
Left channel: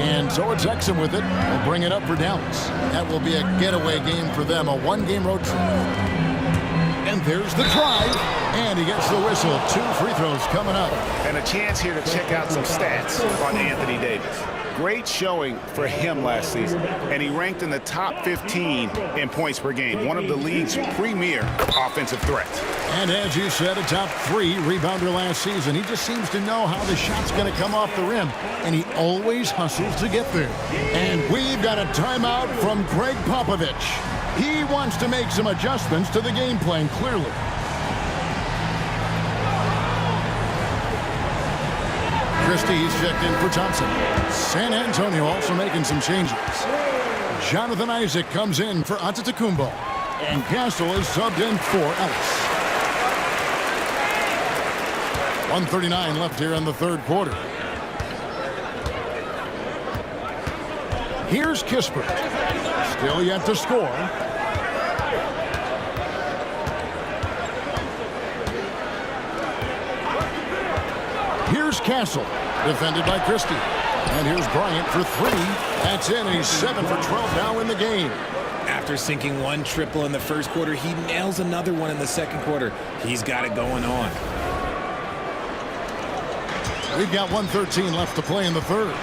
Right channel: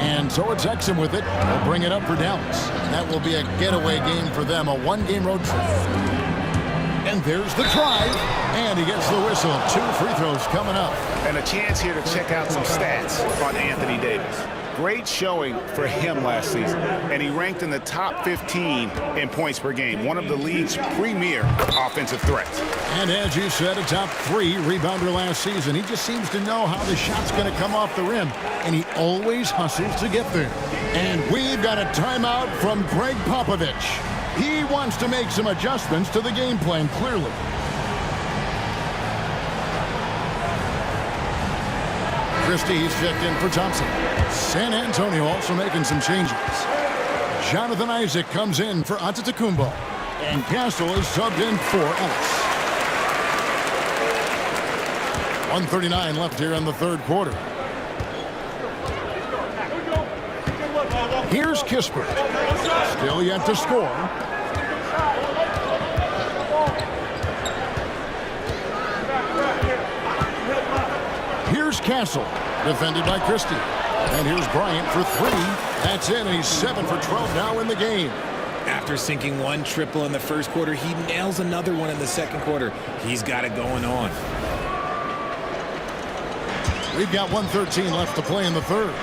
And so it's Exum with it. We'll bring it up for Dallas. That will be a getaway game for them, a 1-game road trip. And there's the drive, and he gets the whistle. 2 free throws coming up. And a chance here to check out some stats on Anthony Davis. Great showing for him last season, and he ranked in the top 15 in points per game, one of the league's premier offensive threats. And as you said, a top 3 rebounder last season. He just seems to know how the shot's going to come off the rim, and he always hustles to get there. And we've got a timeout from Greg Popovich. He wants to make some adjustments to the game plan, clearly. Christie's checked in for Thompson. San Antonio also making some changes. Jonathan Isaac comes in for Antetokounmpo. And Castle is subbed in for Ellis. 1:39 left here in the third quarter. Here's Kispert. Still yet to score. Here's Castle, defended by Christie. And here's Bryant for 3. That's in, and he's 7 for 12 now in the game. After sinking 1 triple in the first quarter, he nails another one in the second quarter. He's got it going on. We've got 1:13 left to play in the third.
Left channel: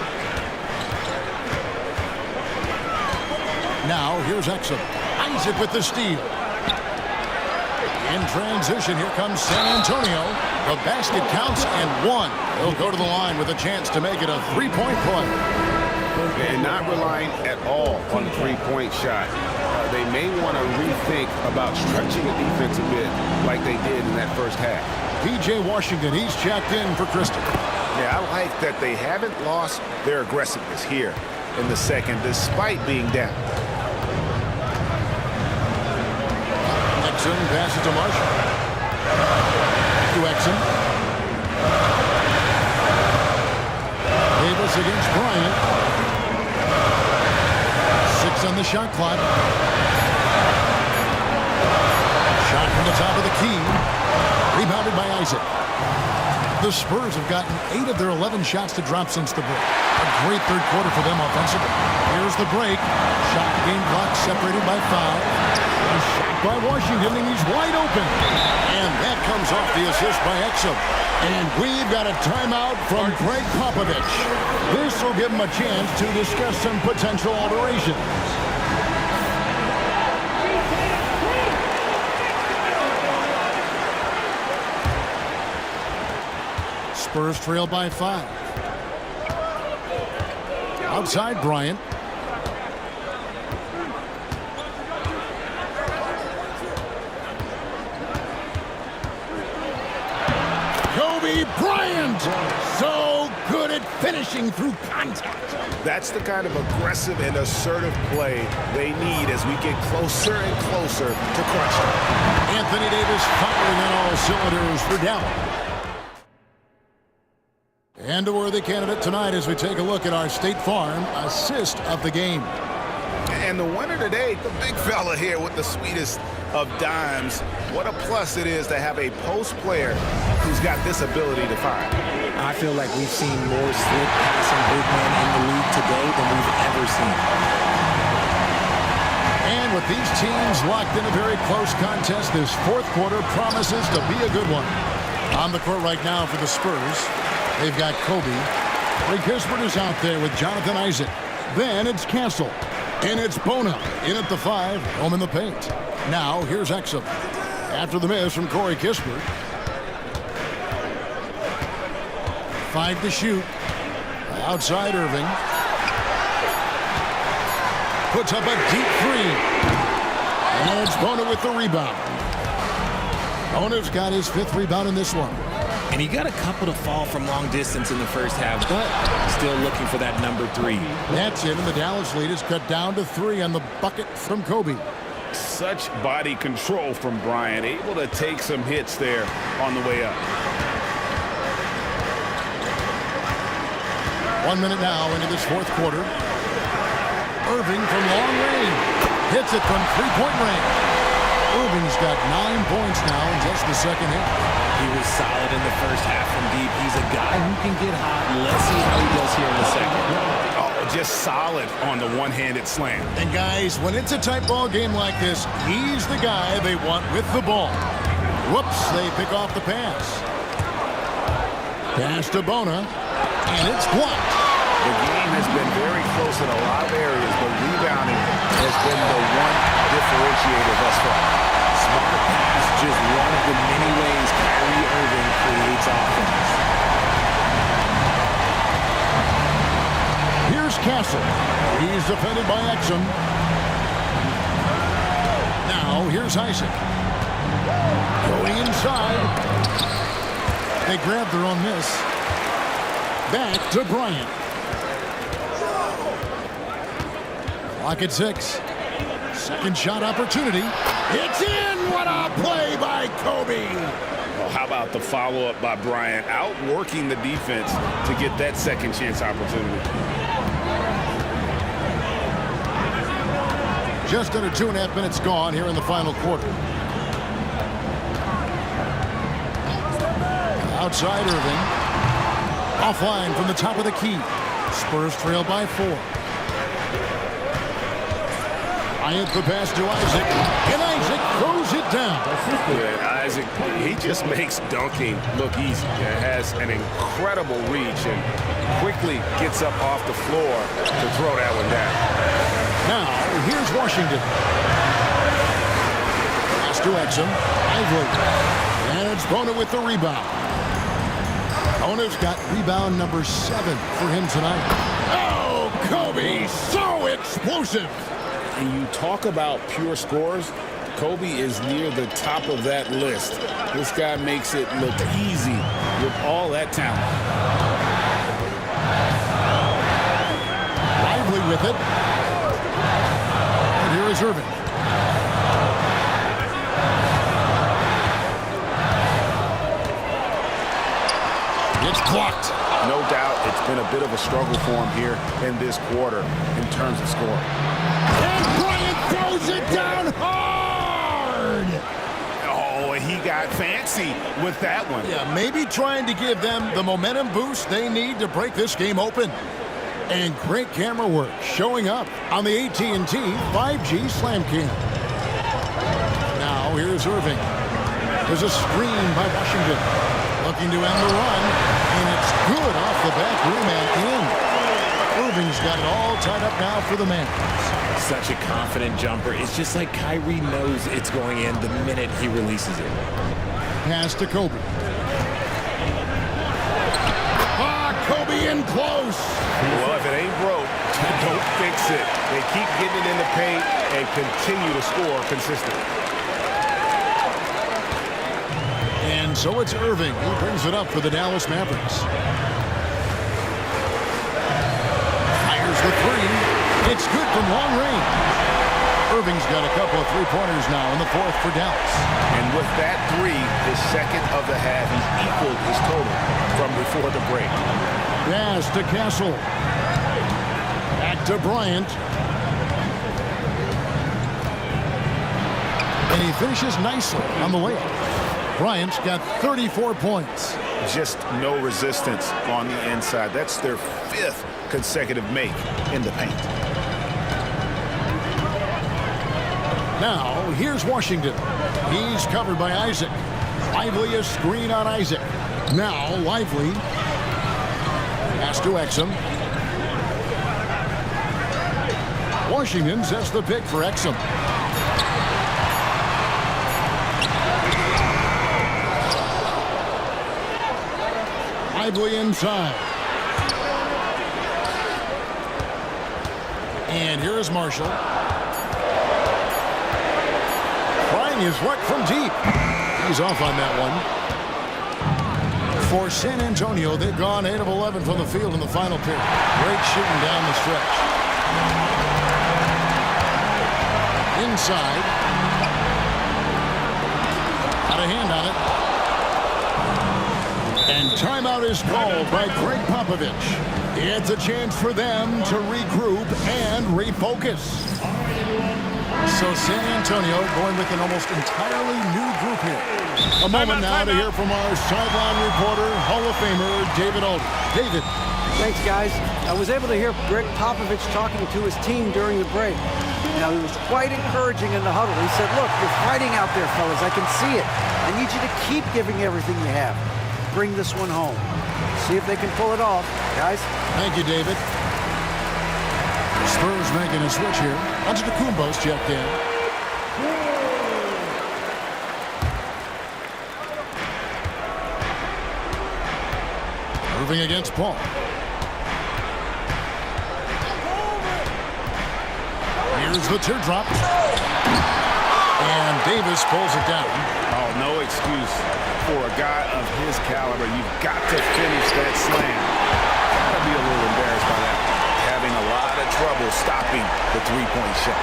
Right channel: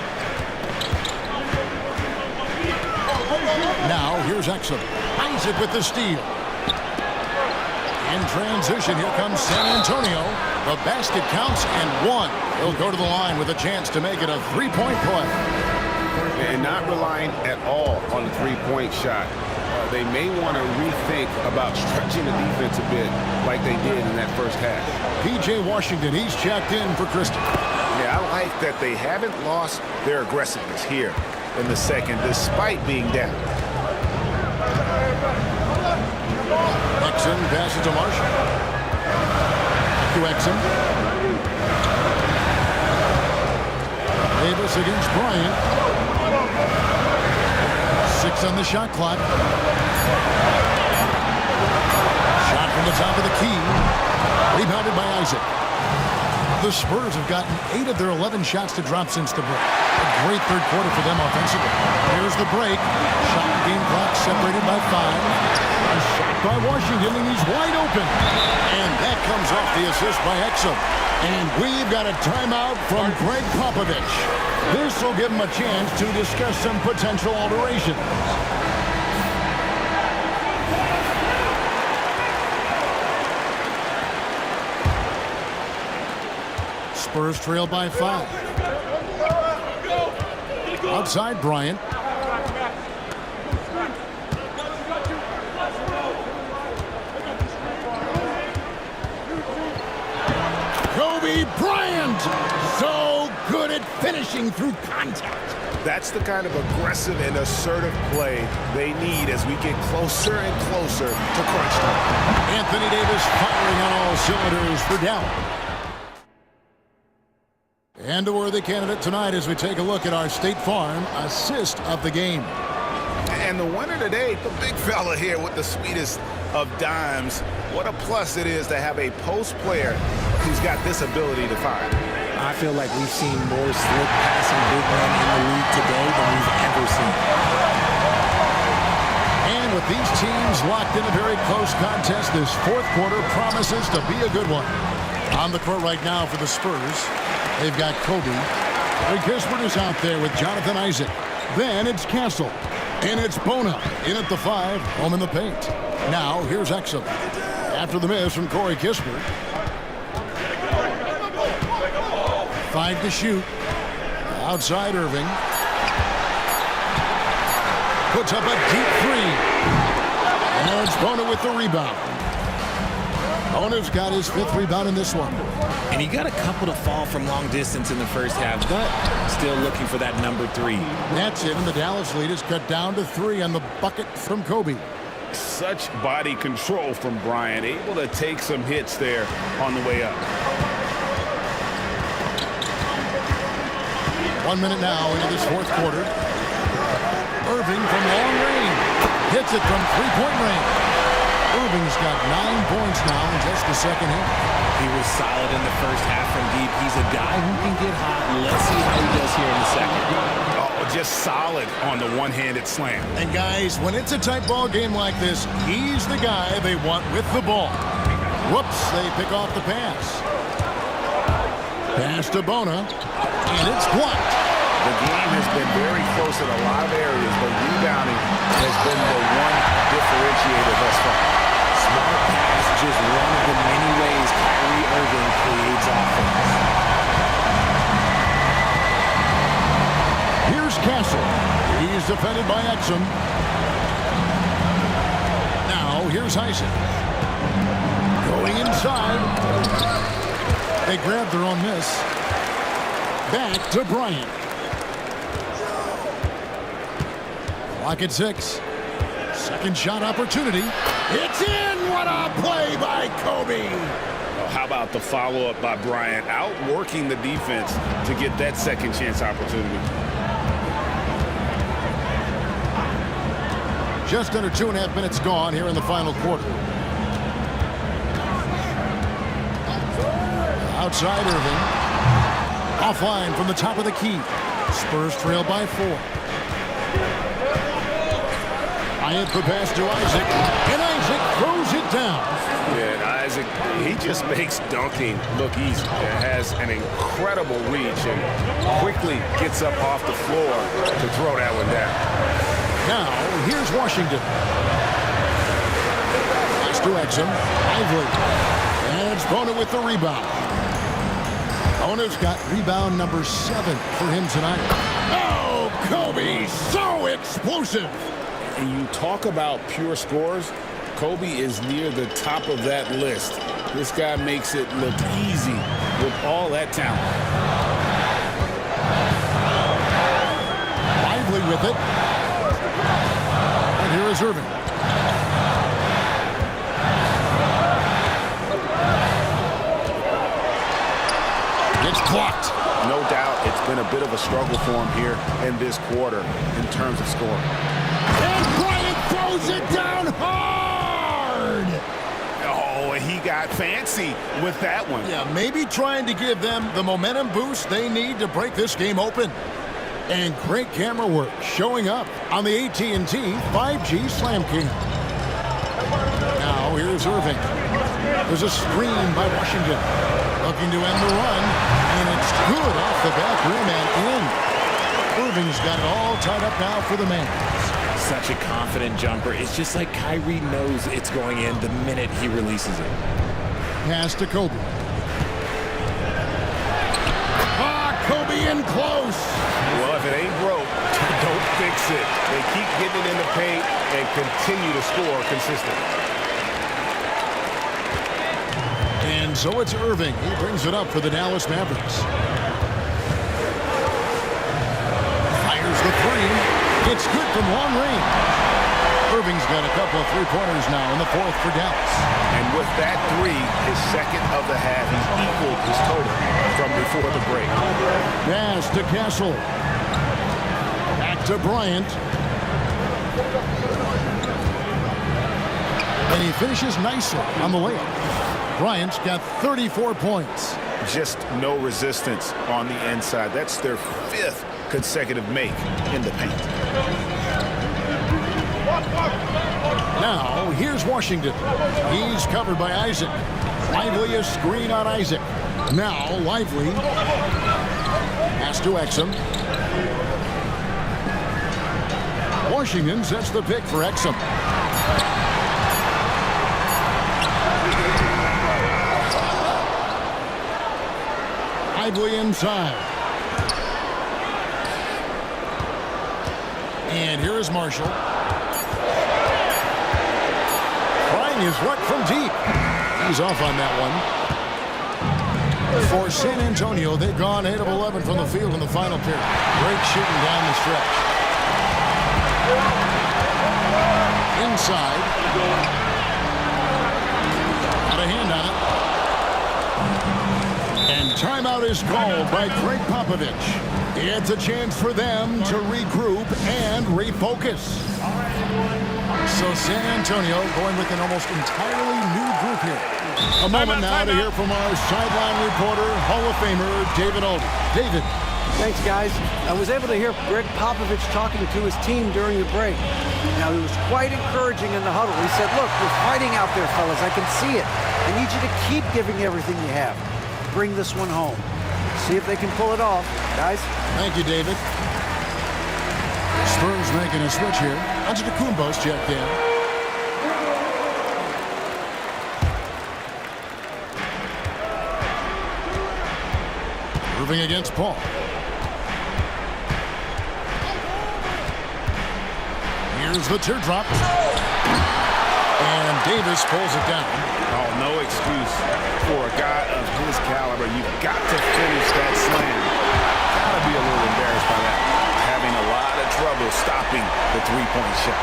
Now here's Exum. Isaac with the steal. In transition, here comes San Antonio. The basket counts and 1. He'll go to the line with a chance to make it a 3-point play. And not relying at all on the 3-point shot. They may want to rethink about stretching the defense a bit like they did in that first half. P.J. Washington, he's checked in for Christie. Yeah, I like that they haven't lost their aggressiveness here in the second despite being down. Exum passes to Marshall. Back to Exum. Davis against Bryant. 6 on the shot clock. Shot from the top of the key. Rebounded by Isaac. The Spurs have gotten 8 of their 11 shots to drop since the break. A great third quarter for them offensively. Here's the break. Shot game clock separated by 5. A shot by Washington, and he's wide open. And that comes off the assist by Exum. And we've got a timeout from Greg Popovich. This will give him a chance to discuss some potential alterations. Spurs trail by 5. Outside Bryant. Kobe Bryant, so good at finishing through contact. That's the kind of aggressive and assertive play they need as we get closer and closer to crunch time. Anthony Davis firing on all cylinders for Dallas. And a worthy candidate tonight as we take a look at our State Farm assist of the game. And the winner today, the big fella here with the sweetest of dimes. What a plus it is to have a post player who's got this ability to fire. I feel like we've seen more slick passing big men in the league today than we've ever seen. And with these teams locked in a very close contest, this fourth quarter promises to be a good one. On the court right now for the Spurs, they've got Kobe. Ray Kispert is out there with Jonathan Isaac. Then it's Castle. And it's Bona in at the 5, home in the paint. Now here's Exum. After the miss from Corey Kispert. 5 to shoot. Outside Irving. Puts up a deep 3. And it's Bona with the rebound. Bona's got his 5th rebound in this one. And he got a couple to fall from long distance in the first half, but still looking for that number 3. That's it, and the Dallas lead is cut down to 3 on the bucket from Kobe. Such body control from Bryant, able to take some hits there on the way up. 1 minute now into this fourth quarter. Irving from long range. Hits it from three-point range. Irving's got 9 points now in just the second half. He was solid in the first half from deep. He's a guy who can get hot. Let's see how he does here in the second. Oh, just solid on the one-handed slam. And guys, when it's a tight ball game like this, he's the guy they want with the ball. Whoops, they pick off the pass. Pass to Bona, and it's blocked. The game has been very close in a lot of areas, but rebounding has been the one differentiator thus far. Smart pass, just one of the many ways Kyrie Irving creates offense. Here's Castle. He's defended by Exum. Now here's Isaac. Going inside. They grab their own miss. Back to Bryant. Clock at 6. Second shot opportunity. It's in! What a play by Kobe! Well, how about the follow-up by Bryant, outworking the defense to get that second chance opportunity. Just under 2.5 minutes gone here in the final quarter. Outside Irving. Offline from the top of the key. Spurs trail by 4. Bryant the pass to Isaac, and Isaac throws it down. Yeah, and Isaac, he just makes dunking look easy. It has an incredible reach and quickly gets up off the floor to throw that one down. Now, here's Washington. Pass to Exum, Lively, and it's Bona with the rebound. Bona's got rebound number 7 for him tonight. Oh, Kobe, so explosive. And you talk about pure scores, Kobe is near the top of that list. This guy makes it look easy with all that talent. Lively with it. And here is Irving. It's blocked. No doubt it's been a bit of a struggle for him here in this quarter in terms of scoring. And Bryant throws it down hard. Oh, and he got fancy with that one. Yeah, maybe trying to give them the momentum boost they need to break this game open. And great camera work showing up on the AT&T 5G Slam Cam. Now here's Irving. There's a screen by Washington. Looking to end the run, and it's good off the back rim and in. Irving's got it all tied up now for the Mavs. Such a confident jumper. It's just like Kyrie knows it's going in the minute he releases it. Pass to Kobe. Kobe in close. Well, if it ain't broke, don't fix it. They keep getting it in the paint and continue to score consistently. And so it's Irving. He brings it up for the Dallas Mavericks. Fires the 3. It's good from long range. Irving's got a couple of three-pointers now in the fourth for Dallas. And with that three, his second of the half, he's equaled his total from before the break. Pass to Castle. Back to Bryant. And he finishes nicely on the layup. Bryant's got 34 points. Just no resistance on the inside. That's their fifth consecutive make in the paint. Now, here's Washington. He's covered by Isaac. Lively a screen on Isaac. Now, Lively. Pass to Exum. Washington sets the pick for Exum. Lively inside. And here is Marshall. Trying his luck from deep. He's off on that one. For San Antonio, they've gone 8 of 11 from the field in the final period. Great shooting down the stretch. Inside. Got a hand on it. And timeout is called by Greg Popovich. It's a chance for them to regroup and refocus. So San Antonio going with an almost entirely new group here. A moment now to hear from our sideline reporter, Hall of Famer David Aldridge. David. Thanks, guys. I was able to hear Greg Popovich talking to his team during the break. Now, he was quite encouraging in the huddle. He said, look, you're fighting out there, fellas. I can see it. I need you to keep giving everything you have. Bring this one home. See if they can pull it off, guys. Thank you, David. Spurs making a switch here. Antetokounmpo's checked in. Moving against Paul. Here's the teardrop. And Davis pulls it down. Oh, no excuse for a guy of his caliber. You've got to finish that slam. Got to be a little embarrassed by that. Having a lot of trouble stopping the three-point shot.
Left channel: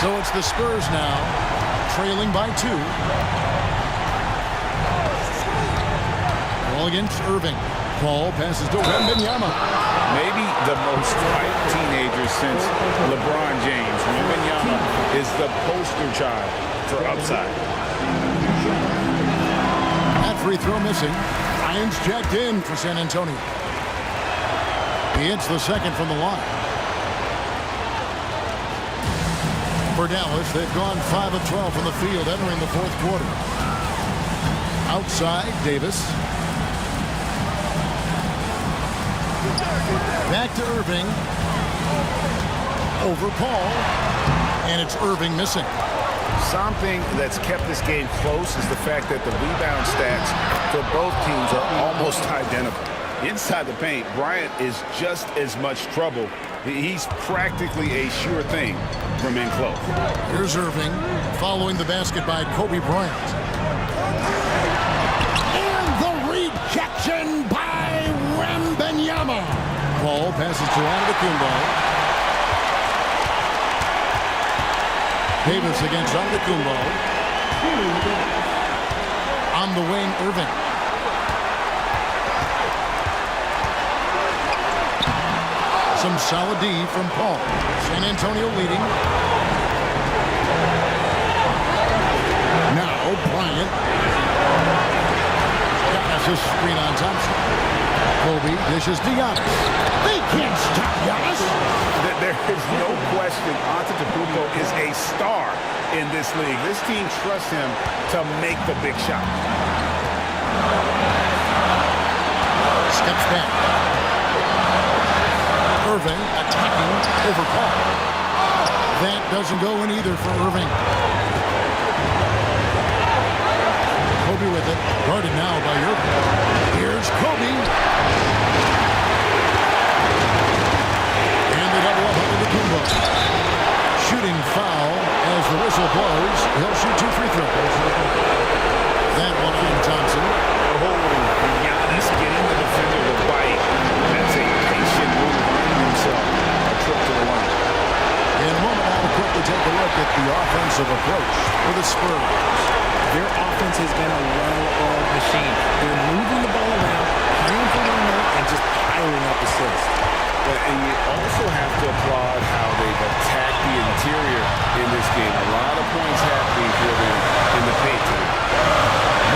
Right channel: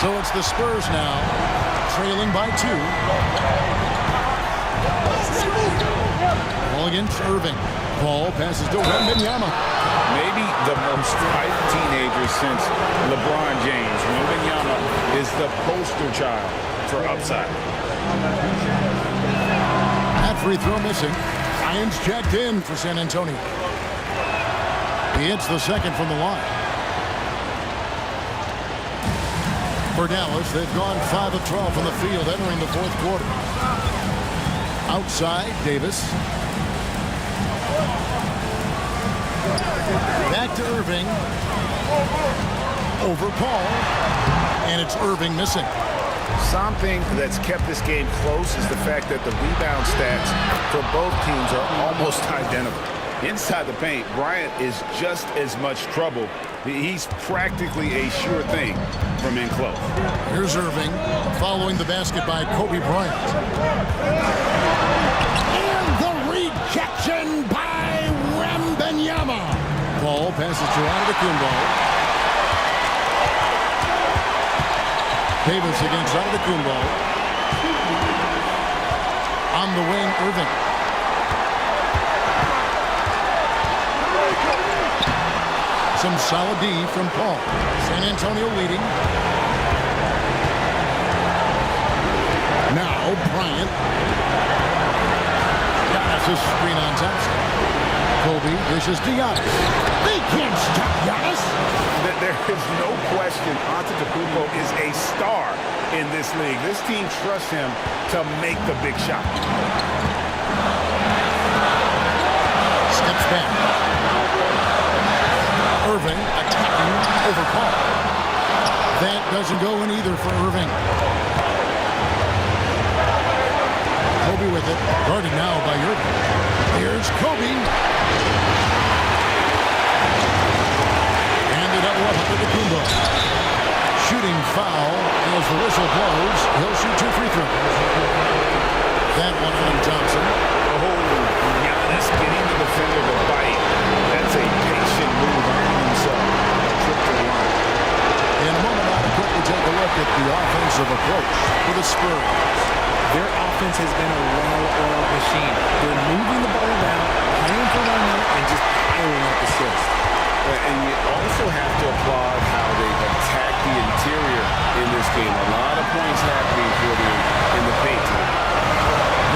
So it's the Spurs now, trailing by 2. Ball against Irving. Paul passes to Wembanyama. Maybe the most hyped teenager since LeBron James. Wembanyama is the poster child for upside. That free throw missing. Ryan's checked in for San Antonio. He hits the second from the line. For Dallas, they've gone 5 of 12 from the field entering the fourth quarter. Outside, Davis. Back to Irving. Over Paul. And it's Irving missing. Something that's kept this game close is the fact that the rebound stats for both teams are almost identical. Inside the paint, Bryant is just as much trouble. He's practically a sure thing from in close. Here's Irving following the basket by Kobe Bryant. And the rejection by Wembanyama. Ball passes to Antetokounmpo. Davis against Antetokounmpo. On the wing, Irving. Some solid D from Paul. San Antonio leading. Now Bryant. Giannis a screen on Thompson. Kobe dishes to Giannis. They can't stop Giannis. There is no question Antetokounmpo is a star in this league. This team trusts him to make the big shot. Steps back. Irving attacking over Paul. That doesn't go in either for Irving. Kobe with it. Guarded now by Irving. Here's Kobe. And the double up Antetokounmpo. Shooting foul as the whistle blows. He'll shoot 2 free throws. That one on Thompson. Oh, Giannis getting the defender to bite. That's a patient move, earning himself a trip to the line. In a moment now to quickly take look at the offensive approach for the Spurs. Their offense has been a well-oiled machine. They're moving the ball around, playing for one another, and just piling up assists. And you also have to applaud how they've attacked the interior in this game. A lot of points happening for them in the paint tonight.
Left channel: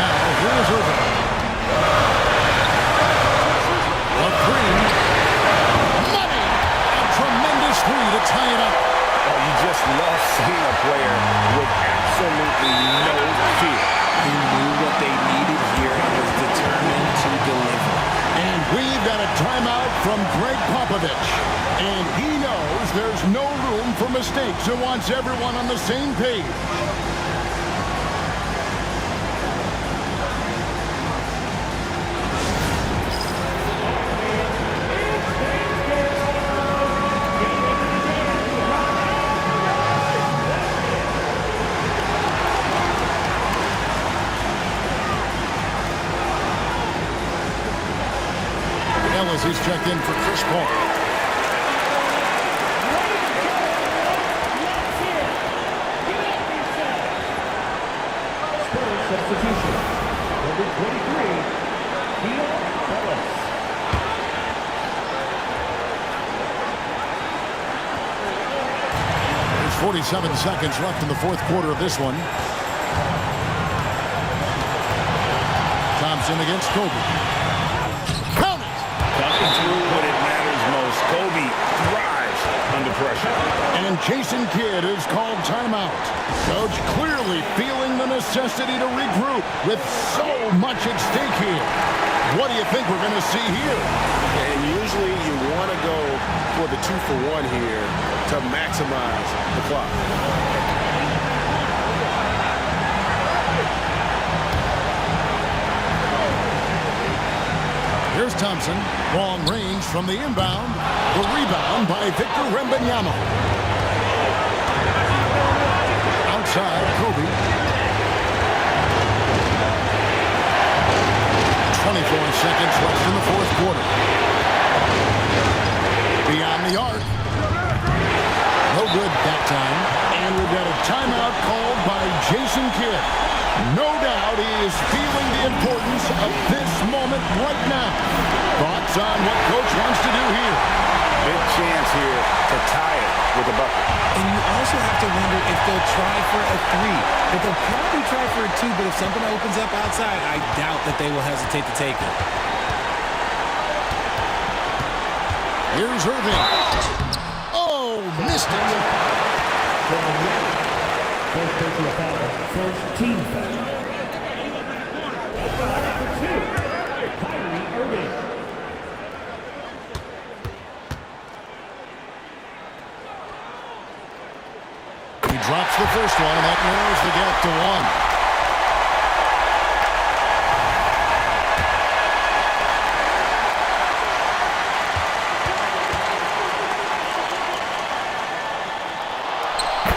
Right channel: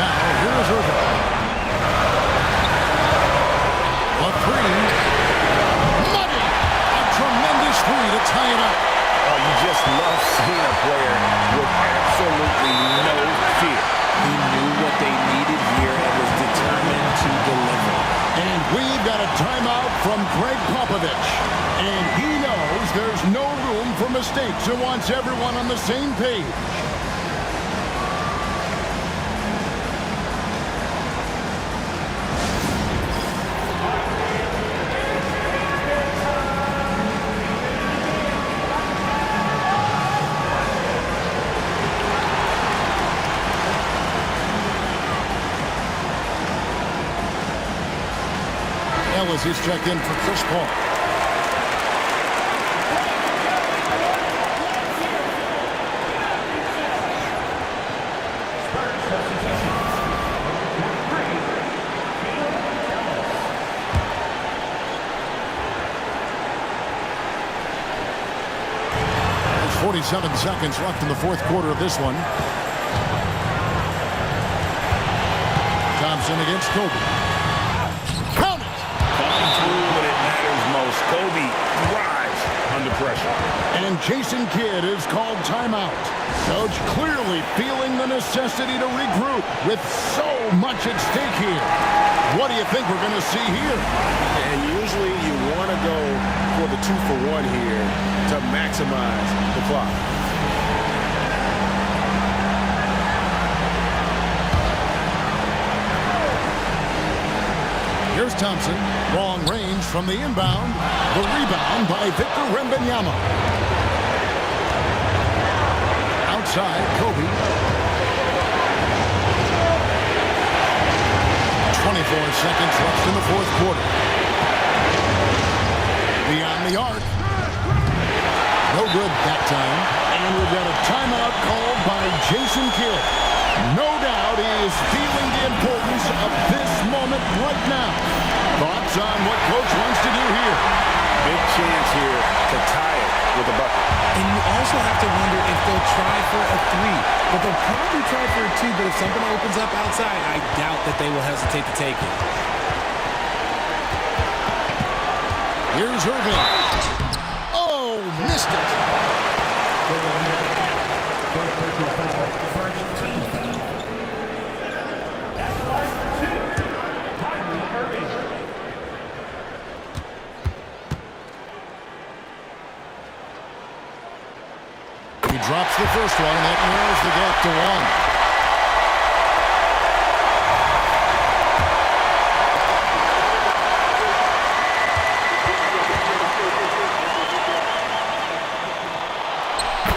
Now, here's Irving. A three. Money! A tremendous three to tie it up. Oh, you just love seeing a player with absolutely no fear. He knew what they needed here and was determined to deliver. And we've got a timeout from Greg Popovich. And he knows there's no room for mistakes and wants everyone on the same page. Ellis is checked in for Chris Paul. Substitution. Number 23, Ellis. There's 47 seconds left in the fourth quarter of this one. Thompson against Kobe. Coming through when it matters most. Kobe thrives under pressure. And Jason Kidd is called timeout. Coach clearly feeling the necessity to regroup with so much at stake here. What do you think we're going to see here? And usually you want to go for the 2-for-1 here to maximize the clock. Here's Thompson. Long range from the inbound. The rebound by Victor Wembanyama. Outside, Kobe. 24 seconds left in the fourth quarter. Beyond the arc. No good that time. And we've got a timeout called by Jason Kidd. No doubt he is feeling the importance of this moment right now. Thoughts on what Coach wants to do here? Big chance here to tie it with a bucket. And you also have to wonder if they'll try for a three. But they'll probably try for a two. But if something opens up outside, I doubt that they will hesitate to take it. Here's Irving. Oh, missed it. First team foul. He drops the first one, and that narrows the gap to one.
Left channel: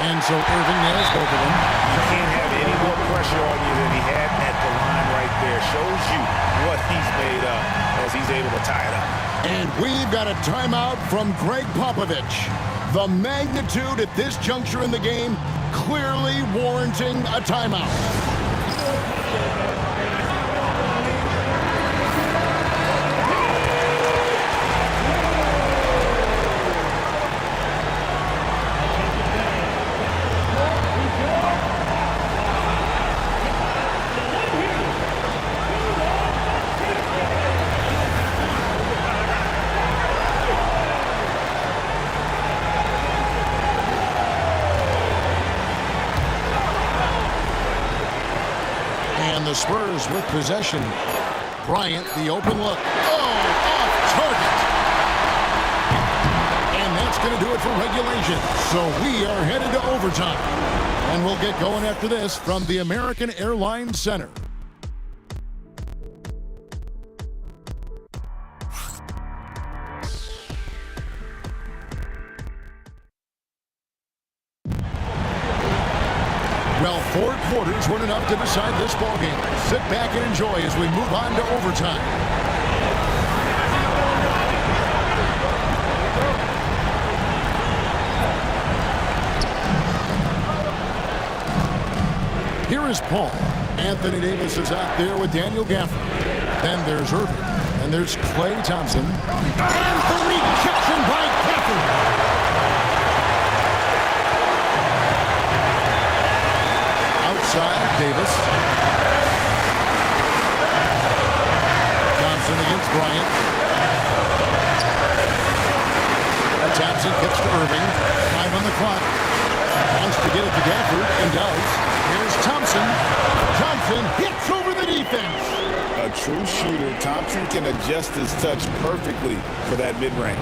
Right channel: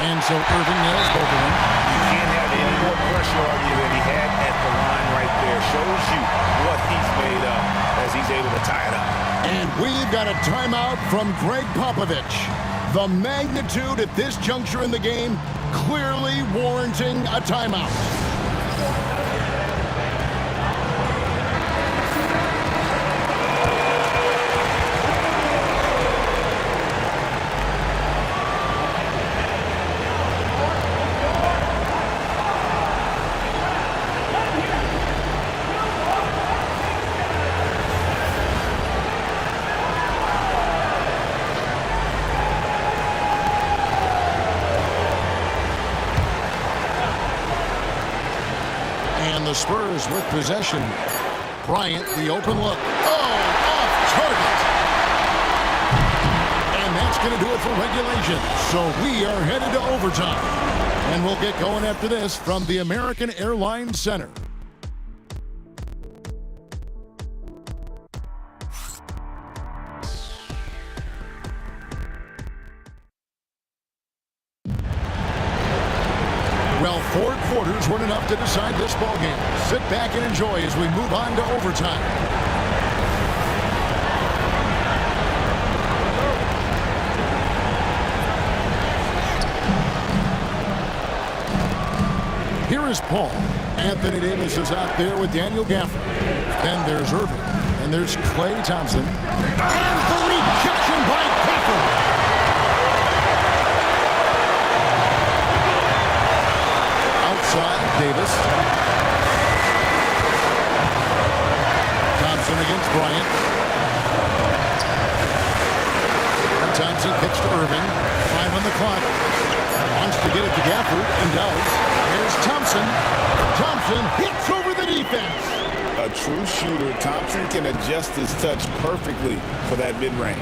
And so Irving nails both of them. You can't have any more pressure on you than he had at the line right there. Shows you what he's made of as he's able to tie it up. And we've got a timeout from Greg Popovich. The magnitude at this juncture in the game clearly warranting a timeout. And the Spurs with possession. Bryant, the open look. Oh, off target. And that's going to do it for regulation. So we are headed to overtime. And we'll get going after this from the American Airlines Center. Well, 4 quarters weren't enough to decide this ballgame. Sit back and enjoy as we move on to overtime. Here is Paul. Anthony Davis is out there with Daniel Gafford. Then there's Irving. And there's Klay Thompson. And the rejection by Gafford. Outside, Davis. Thompson against Bryant. And Thompson kicks to Irving. 5 on the clock. Wants to get it to Gafford and does. Here's Thompson. Thompson hits over the defense. A true shooter, Thompson can adjust his touch perfectly for that mid-range.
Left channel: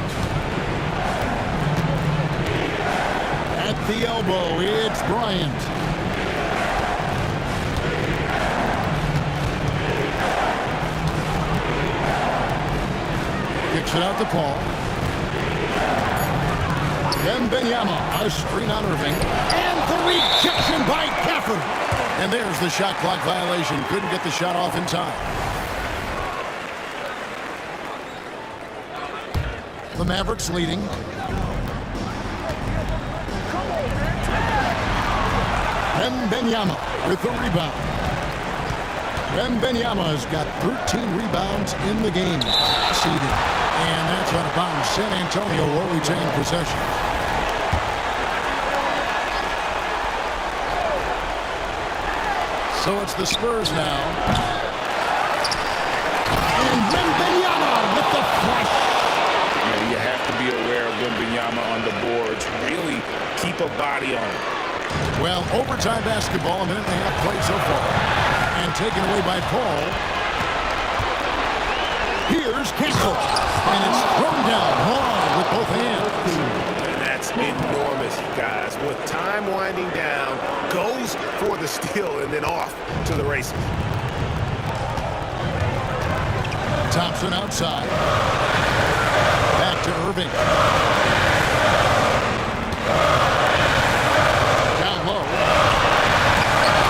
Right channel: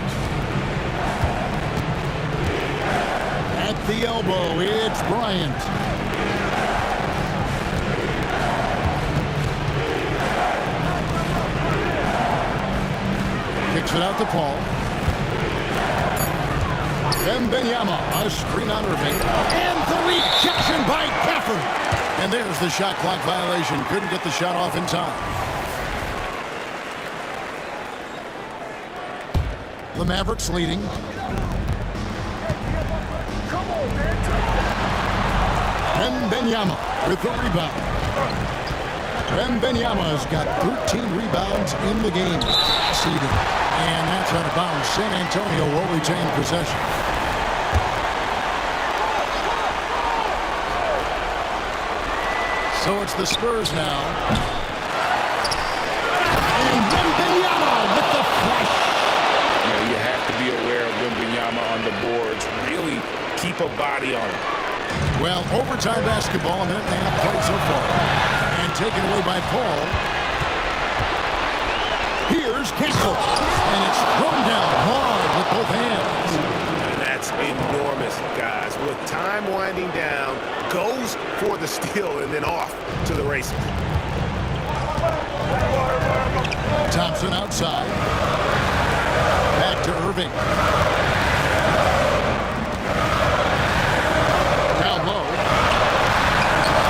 At the elbow, it's Bryant. Kicks it out to Paul. Wembanyama, a screen on Irving. And the rejection by Gafford. And there's the shot clock violation. Couldn't get the shot off in time. The Mavericks leading. Wembanyama with the rebound. Wembanyama has got 13 rebounds in the game. Seeding. And that's out of bounds. San Antonio will retain possession. So it's the Spurs now. And Wembanyama with the flush. You have to be aware of Wembanyama on the boards. Really keep a body on him. Well, overtime basketball, a minute and a half played so far. And taken away by Paul. Here's Campbell. And it's thrown down hard with both hands. That's enormous, guys. With time winding down, goes for the steal and then off to the races. Thompson outside. Back to Irving. Down low.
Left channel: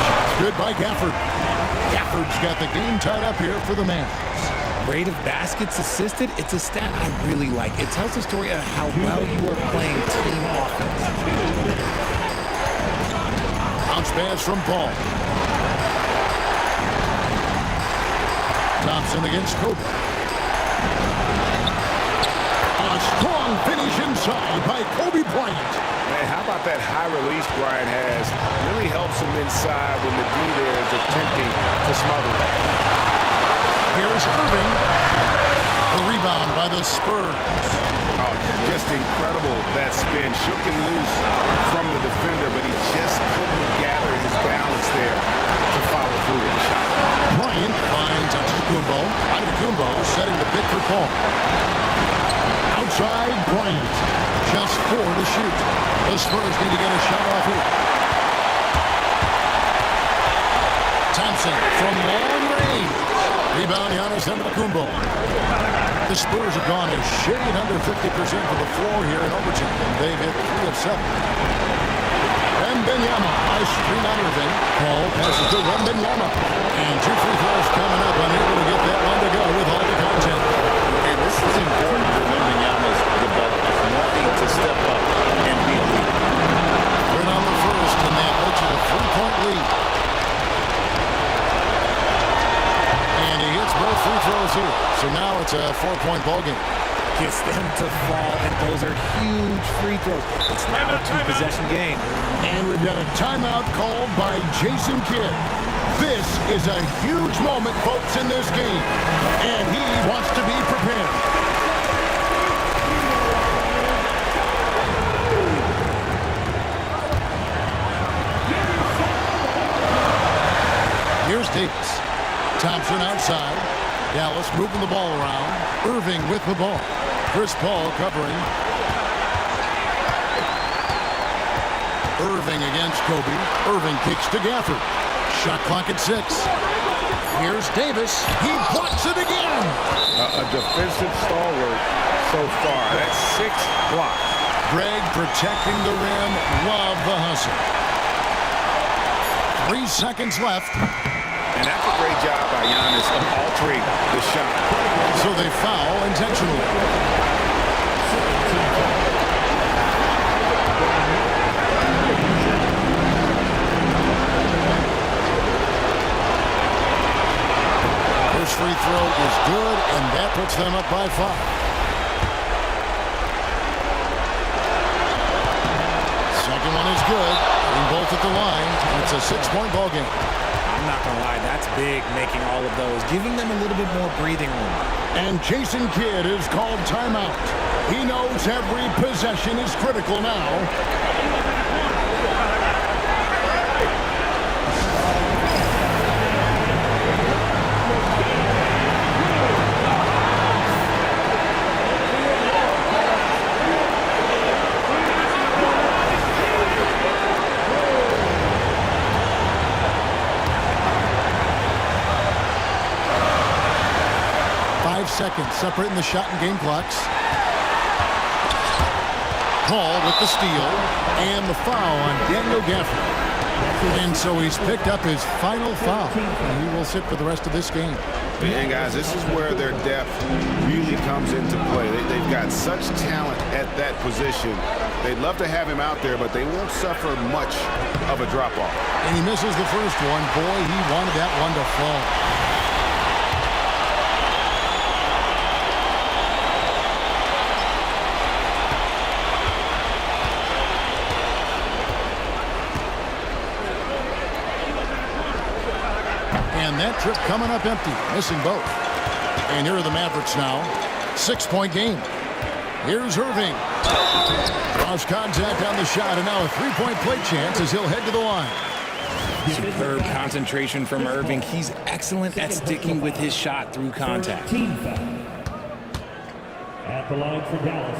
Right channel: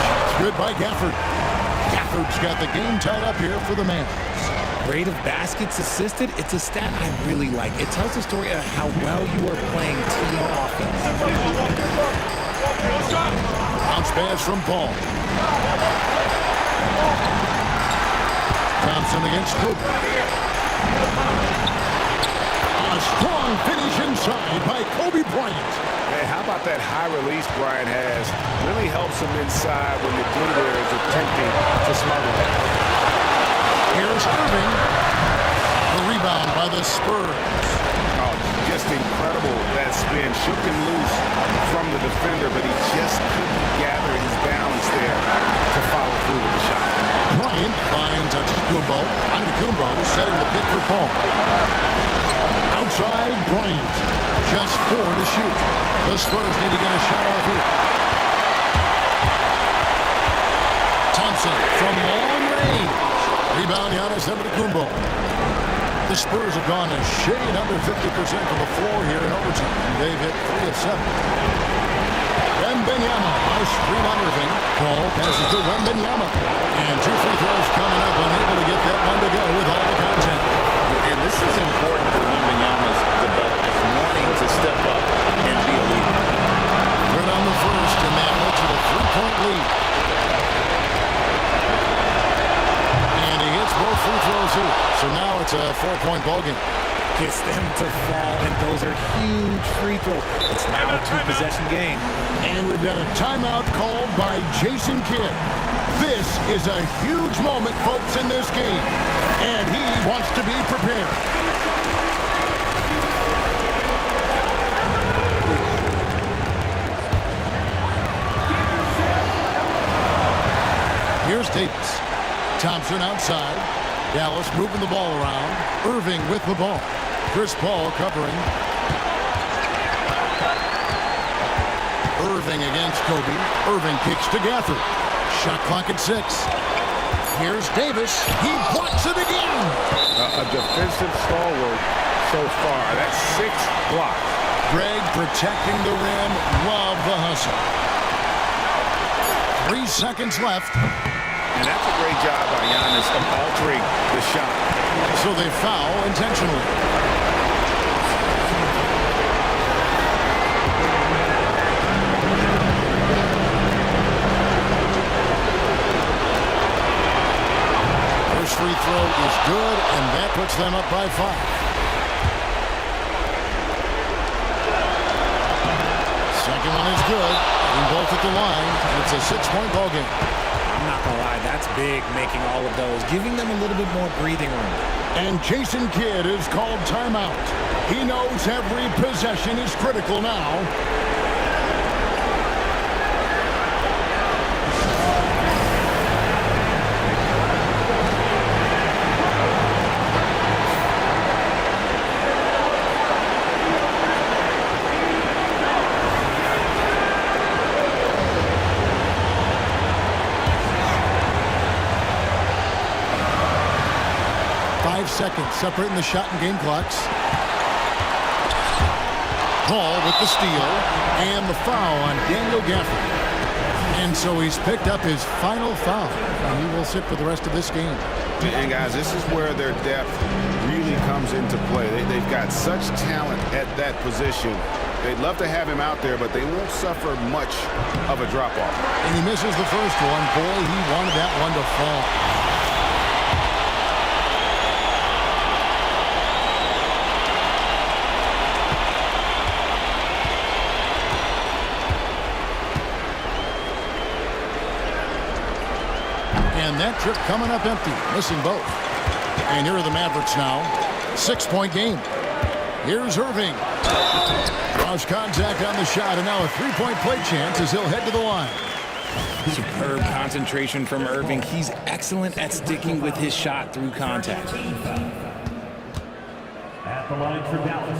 Shot's good by Gafford. Gafford's got the game tied up here for the Mavs. Rate of baskets assisted, it's a stat I really like. It tells the story of how well you are playing team offense. Bounce pass from Paul. Thompson against Kobe. A strong finish inside by Kobe Bryant. Man, how about that high release Bryant has? Really helps him inside when the D there is attempting to smother him. Here's Irving. The rebound by the Spurs. Oh, just incredible. That spin shook him loose from the defender, but he just couldn't gather his balance there to follow through with the shot. Bryant finds Antetokounmpo. Antetokounmpo setting the pick for Paul. Outside, Bryant. Just 4 to shoot. The Spurs need to get a shot off here. Thompson from long range. Rebound, Giannis Antetokounmpo. The Spurs have gone a shade under 50% from the floor here in overtime. They've hit 3 of 7. Wembanyama, a screen on Irving. Paul passes to Wembanyama. And 2 free throws coming up, unable to get that one to go with all the content. And this is important for Wembanyama's development, wanting to step up and be a leader. Third on the first, and that led to a 3-point lead. And he hits both free throws here. So now it's a 4-point ball game. Gets them to fall, and those are huge free throws. It's now a 2-possession game. And we've got a timeout called by Jason Kidd. This is a huge moment, folks, in this game. And he wants to be prepared. Here's Davis. Thompson outside. Dallas moving the ball around. Irving with the ball. Chris Paul covering. Irving against Kobe. Irving kicks to Gafford. Shot clock at 6. Here's Davis. He blocks it again. A defensive stalwart so far. That's 6 blocks. Greg protecting the rim. Love the hustle. 3 seconds left. And that's a great job by Giannis of altering the shot. So they foul intentionally. First free throw is good, and that puts them up by 5. Second one is good. Hitting both at the line, and it's a 6-point ball game. I'm not going to lie, that's big, making all of those, giving them a little bit more breathing room. And Jason Kidd is called timeout. He knows every possession is critical now. Seconds separating the shot and game clocks. Paul with the steal and the foul on Daniel Gafford. And so he's picked up his final foul. And he will sit for the rest of this game. And guys, this is where their depth really comes into play. They've got such talent at that position. They'd love to have him out there, but they won't suffer much of a drop-off. And he misses the first one. Boy, he wanted that one to fall. And that trip coming up empty, missing both. And here are the Mavericks now. 6-point game. Here's Irving. Cross contact on the shot, and now a 3-point play chance as he'll head to the line. Superb concentration from Irving. He's excellent at sticking with his shot through contact. At the line for Dallas,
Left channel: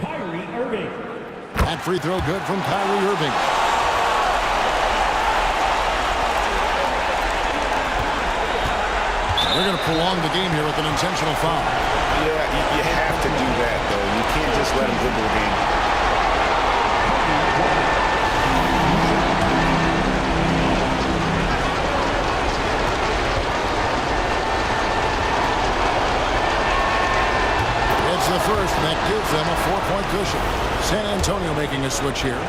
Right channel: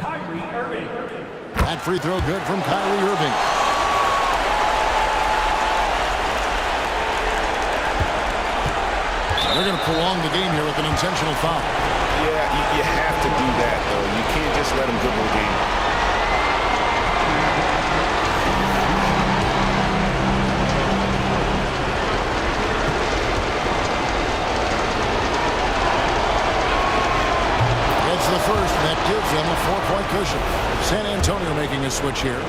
Kyrie Irving. That free throw good from Kyrie Irving. They're going to prolong the game here with an intentional foul. Yeah, you have to do that, though. You can't just let them dribble the game. It's the first, and that gives them a 4-point cushion. San Antonio making a switch here.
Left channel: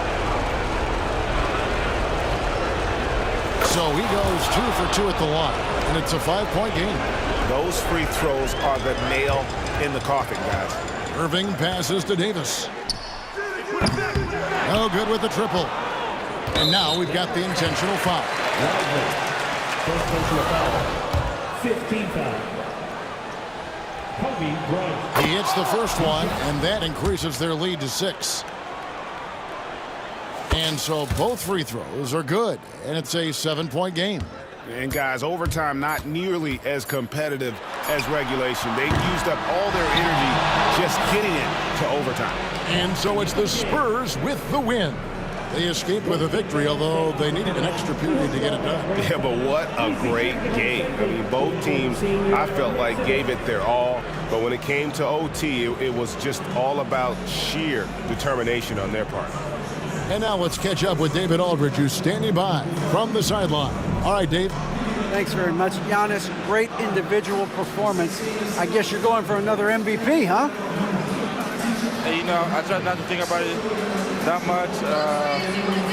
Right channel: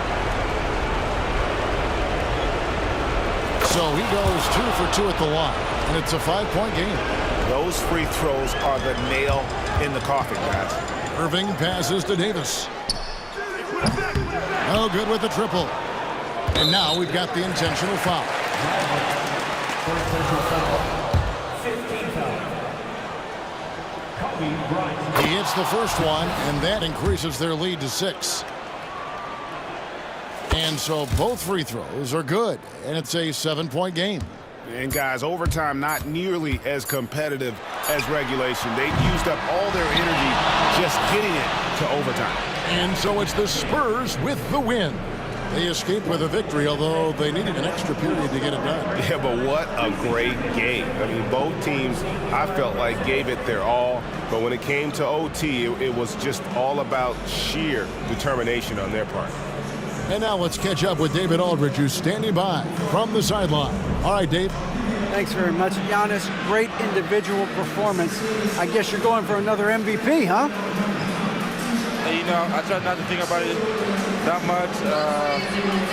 So he goes 2 for 2 at the line, and it's a 5-point game. Those free throws are the nail in the coffin, guys. Irving passes to Davis. No good with the triple. And now we've got the intentional foul. First personal foul. 15 foul. Kobe Bryant. He hits the first one, and that increases their lead to 6. And so both free throws are good, and it's a 7-point game. And guys, overtime not nearly as competitive as regulation. They used up all their energy just getting it to overtime. And so it's the Spurs with the win. They escaped with a victory, although they needed an extra period to get it done. Yeah, but what a great game. I mean, both teams, I felt like, gave it their all. But when it came to OT, it was just all about sheer determination on their part. And now let's catch up with David Aldridge, who's standing by from the sideline. All right, Dave. Thanks very much, Giannis. Great individual performance. I guess you're going for another MVP, huh? Hey, you know, I try not to think about it that much.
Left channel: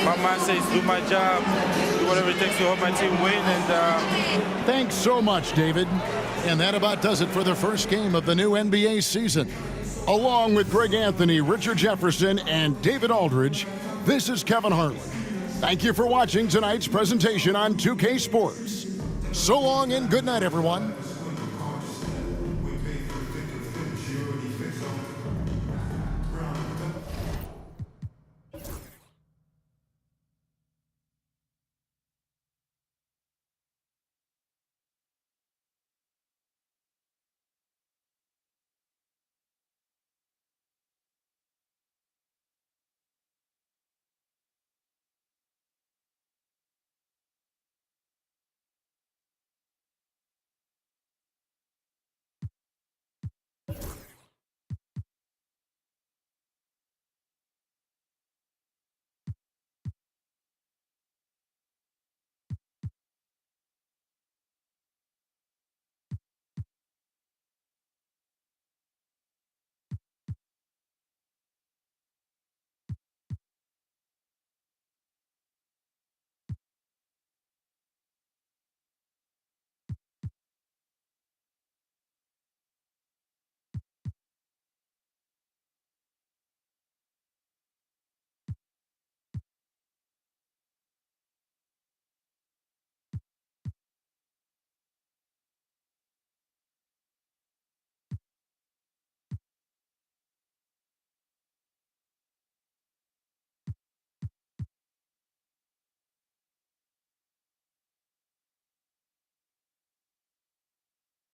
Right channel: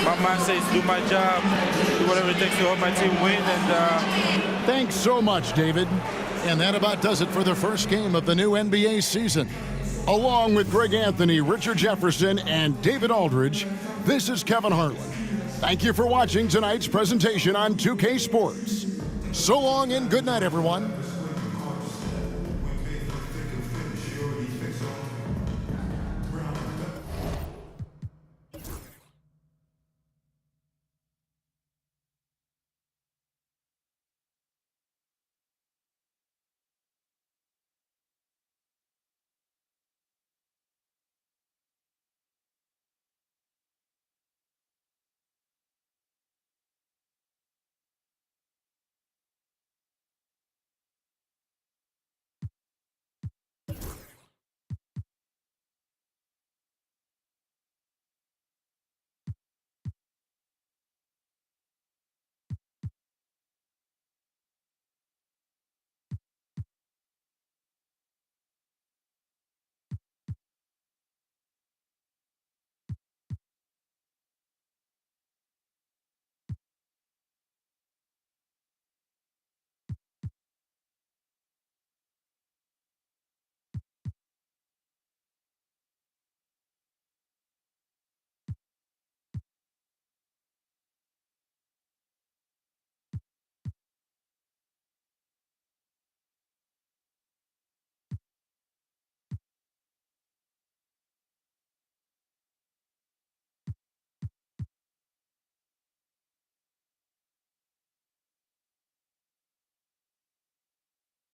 My mind says do my job, do whatever it takes to help my team win. And thanks so much, David. And that about does it for the first game of the new NBA season. Along with Greg Anthony, Richard Jefferson, and David Aldridge, this is Kevin Harlan. Thank you for watching tonight's presentation on 2K Sports. So long and good night, everyone.